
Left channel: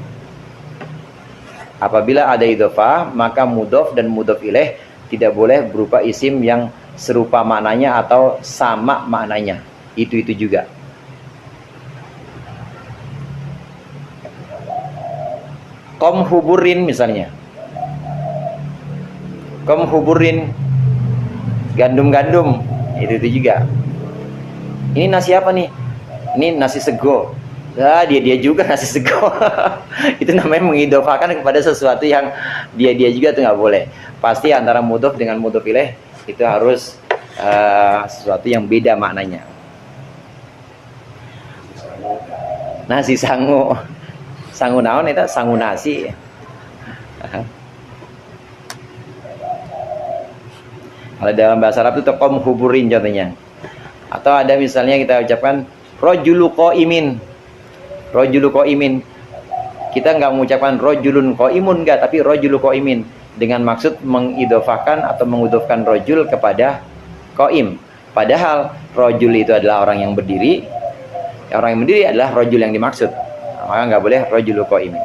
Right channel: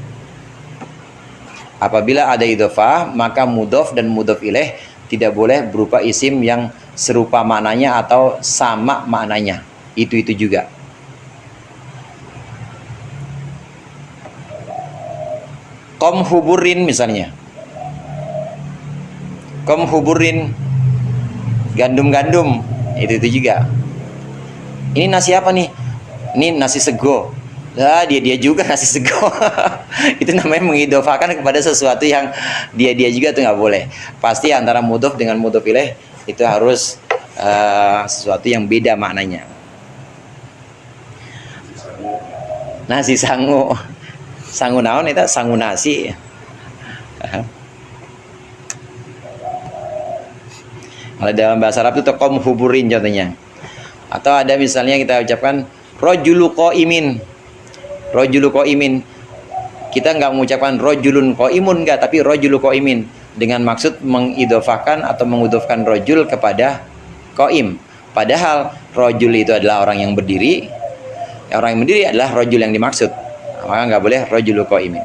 Apabila ada idhofah, maka mudhof dan mudhof ilaih tidak boleh berupa isim yang serupa maknanya atau sama maknanya. Itu juga. Kom huburin misalnya, kom huburin, gandum-gandum, itu juga. Ini nasi apa nih? Ini nasi sego. Nah, dia juga nasi sego. Itu namanya mengidhofakan kepada sesuatu yang dia juga tuh nggak boleh. Pasti antara mudhof dengan mudhof ilaih itu harus sesuatu yang beda maknanya. Nasi sangu, sangu naon itu sangu nasi. Kalau dalam bahasa Arab itu tokom huburin contohnya. Atau ada misalnya kita ucapkan rojulu qaimin. Rojulu qaimin. Kita nggak mengucapkan rojulun qaimun enggak, tapi rojulu qaimin dengan maksud mengidofahkan atau mengudofkan rojul kepada qaim. Padahal rojul itu adalah orang yang berdiri. Orang yang berdiri adalah rojul yang dimaksud. Maka nggak boleh rojulu qaimin.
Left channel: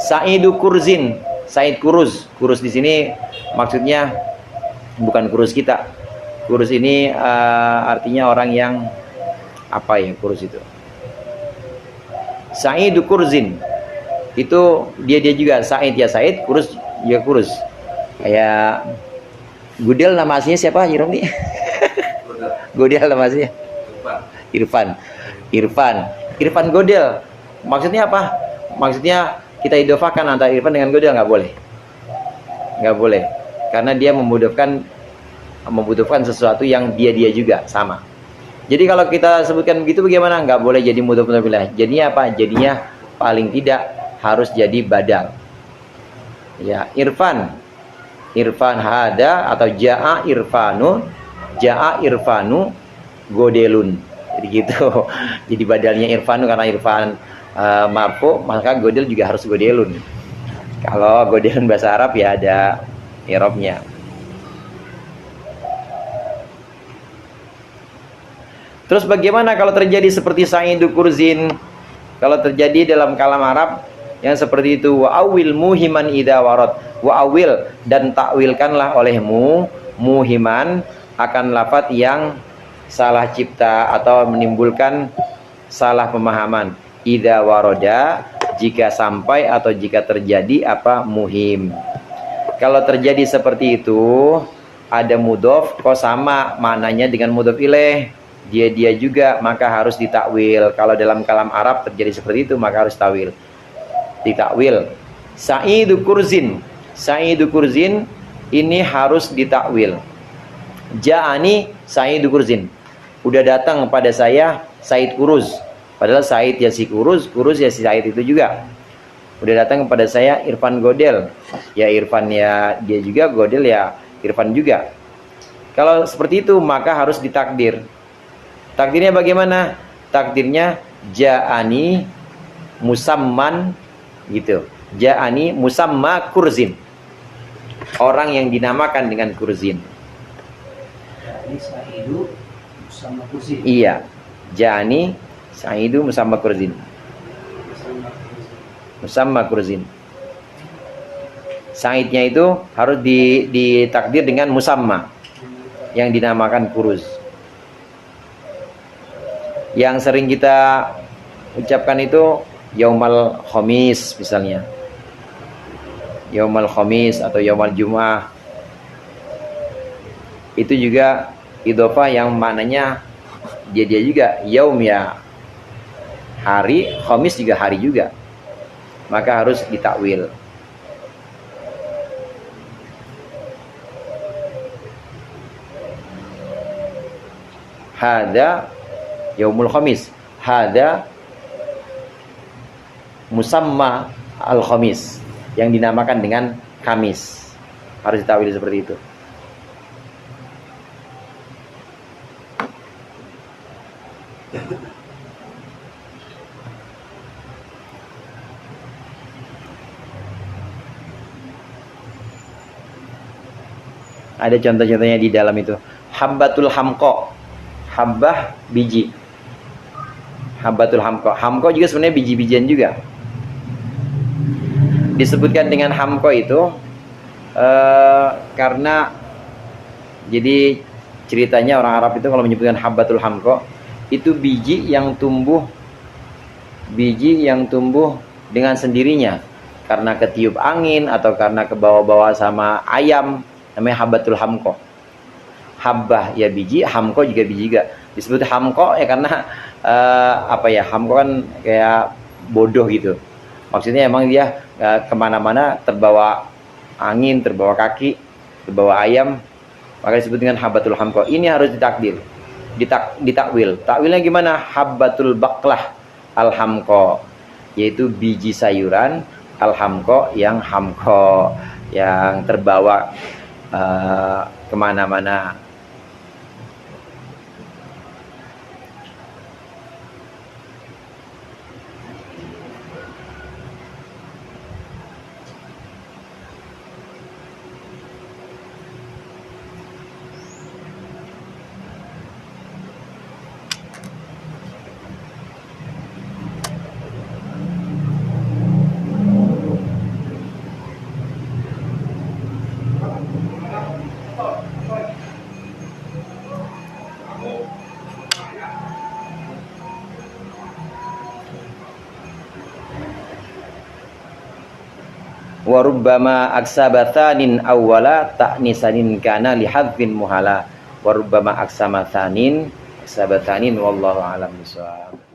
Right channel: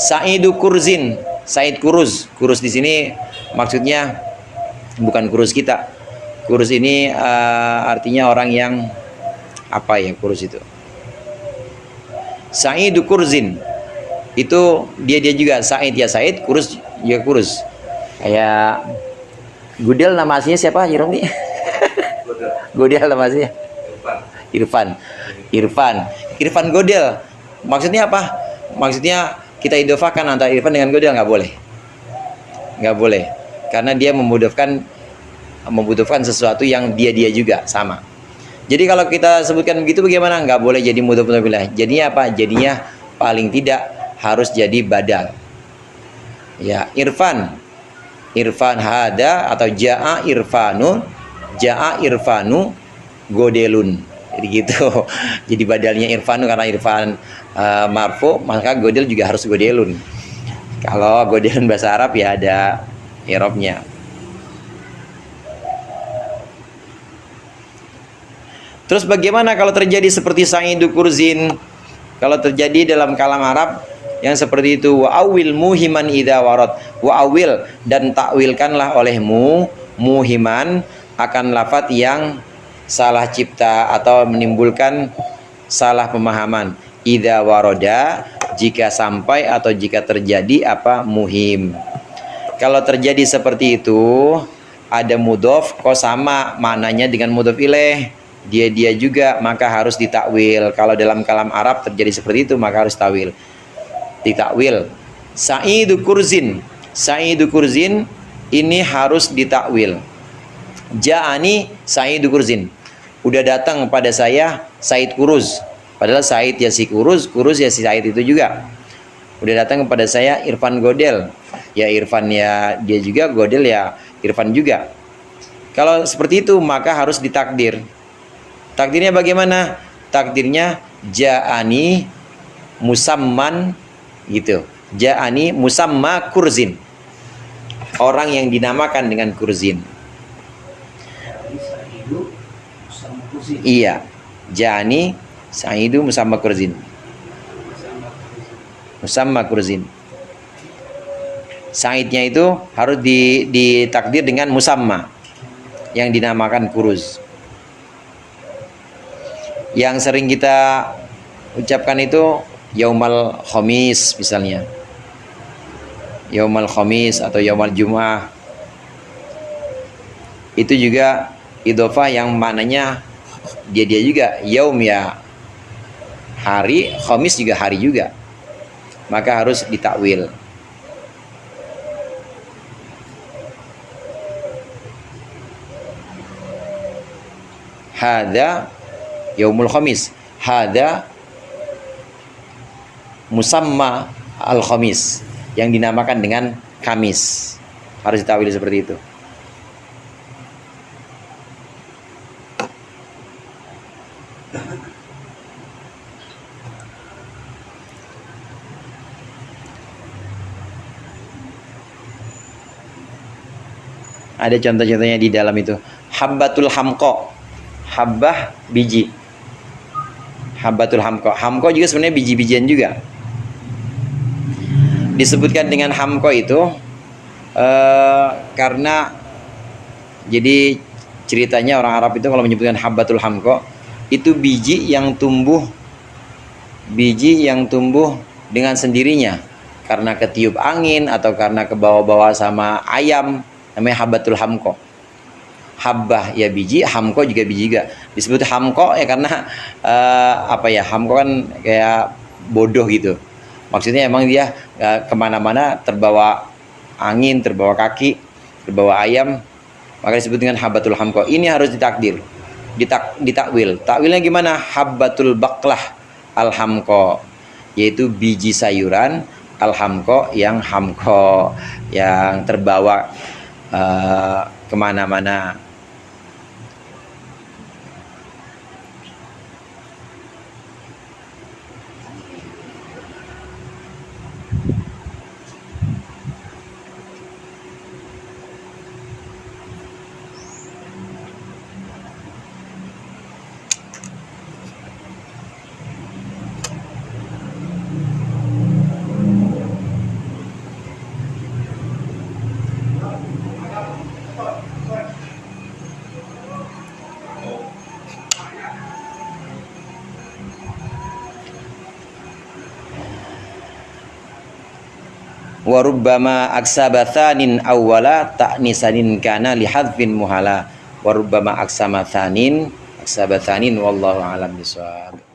Sa'idu kurzin, Said kuruz. Kuruz di sini maksudnya bukan kurus kita. Kurus ini artinya orang yang apa ya kurus itu? Sa'idu kurzin. Itu dia juga Said ya Said, kurus juga kurus. Kayak Gudel nama aslinya siapa, Jirom nih? Godel nama aslinya. Irfan. Irfan Godel. Maksudnya apa? Maksudnya kita idofakan antara Irfan dengan Godel nggak boleh. Nggak boleh. Karena dia membutuhkan sesuatu yang dia juga sama. Jadi kalau kita sebutkan begitu bagaimana? Nggak boleh jadi mudhof ilaih. Jadinya apa? Jadinya paling tidak harus jadi badal. Ya, Irfan hada atau jaa irfanu godelun. Jadi gitu. Jadi badalnya Irfanu karena Irfan marfu, maka godel juga harus godelun. Kalau godelun bahasa Arab ya ada i'rabnya. Terus bagaimana kalau terjadi seperti Sa'idu kurzin? Kalau terjadi dalam kalam Arab yang seperti itu, wa awil muhiman idza warad. Wa awil dan takwilkanlah olehmu muhiman akan lafaz yang salah cipta atau menimbulkan salah pemahaman. Idza waroda, jika sampai atau jika terjadi apa muhim. Kalau terjadi seperti itu, ada mudhof kok sama maknanya dengan mudhof ilaih. Dia juga maka harus ditakwil. Kalau dalam kalam Arab terjadi seperti itu maka harus takwil. Ditakwil. Sa'idu kurzin ini harus ditakwil. Ja'ani Sa'idu kurzin. Udah datang pada saya Said kuruz. Padahal Said ya si kuruz ya si Said itu juga. Udah datang kepada saya Irfan Godel. Ya Irfan ya dia juga, Godel ya Irfan juga. Kalau seperti itu maka harus ditakdir. Takdirnya bagaimana? Takdirnya ja'ani musamman gitu. Ja'ani musamma kurzin. Orang yang dinamakan dengan kurzin. Sa'idu musamma kurzin. Iya. Ja'ani Sa'idu musamma kurzin. Musamma kurzin. Saidnya itu harus ditakdir dengan musamma yang dinamakan kuruz. Yang sering kita ucapkan itu yaumal khamis misalnya. Yaumal khamis atau yaumal jum'ah. Itu juga idhofah yang maknanya dia juga yaum ya hari, khamis juga hari juga. Maka harus ditakwil. Hada yaumul khamis, hada musamma al khamis, yang dinamakan dengan Kamis. Harus ditakwil seperti itu. Ada contoh-contohnya di dalam itu. Habbatul hamqa. Habbah biji. Habbatul hamqa. Hamqa juga sebenarnya biji-bijian juga. Disebutkan dengan hamqa itu karena jadi ceritanya orang Arab itu kalau menyebutkan habbatul hamqa itu biji yang tumbuh dengan sendirinya karena ketiup angin atau karena kebawa-bawa sama ayam, namanya habbatul hamqa. Habbah ya biji, hamqa juga biji juga. Disebut hamqa ya karena hamqa kan kayak bodoh gitu. Maksudnya emang dia kemana-mana terbawa angin, terbawa kaki, terbawa ayam, maka disebut dengan habbatul hamqa. Ini harus ditakdir, ditakwil. Takwilnya gimana? Habbatul baqlah al-hamqa, yaitu biji sayuran, al-hamqa yang hamqa, yang terbawa kemana-mana. Wa rubbama aksaba thanin awwala ta'nisanin kana li hadfin muhala. Wa rubbama aksama thanin wallahu alam bisawab.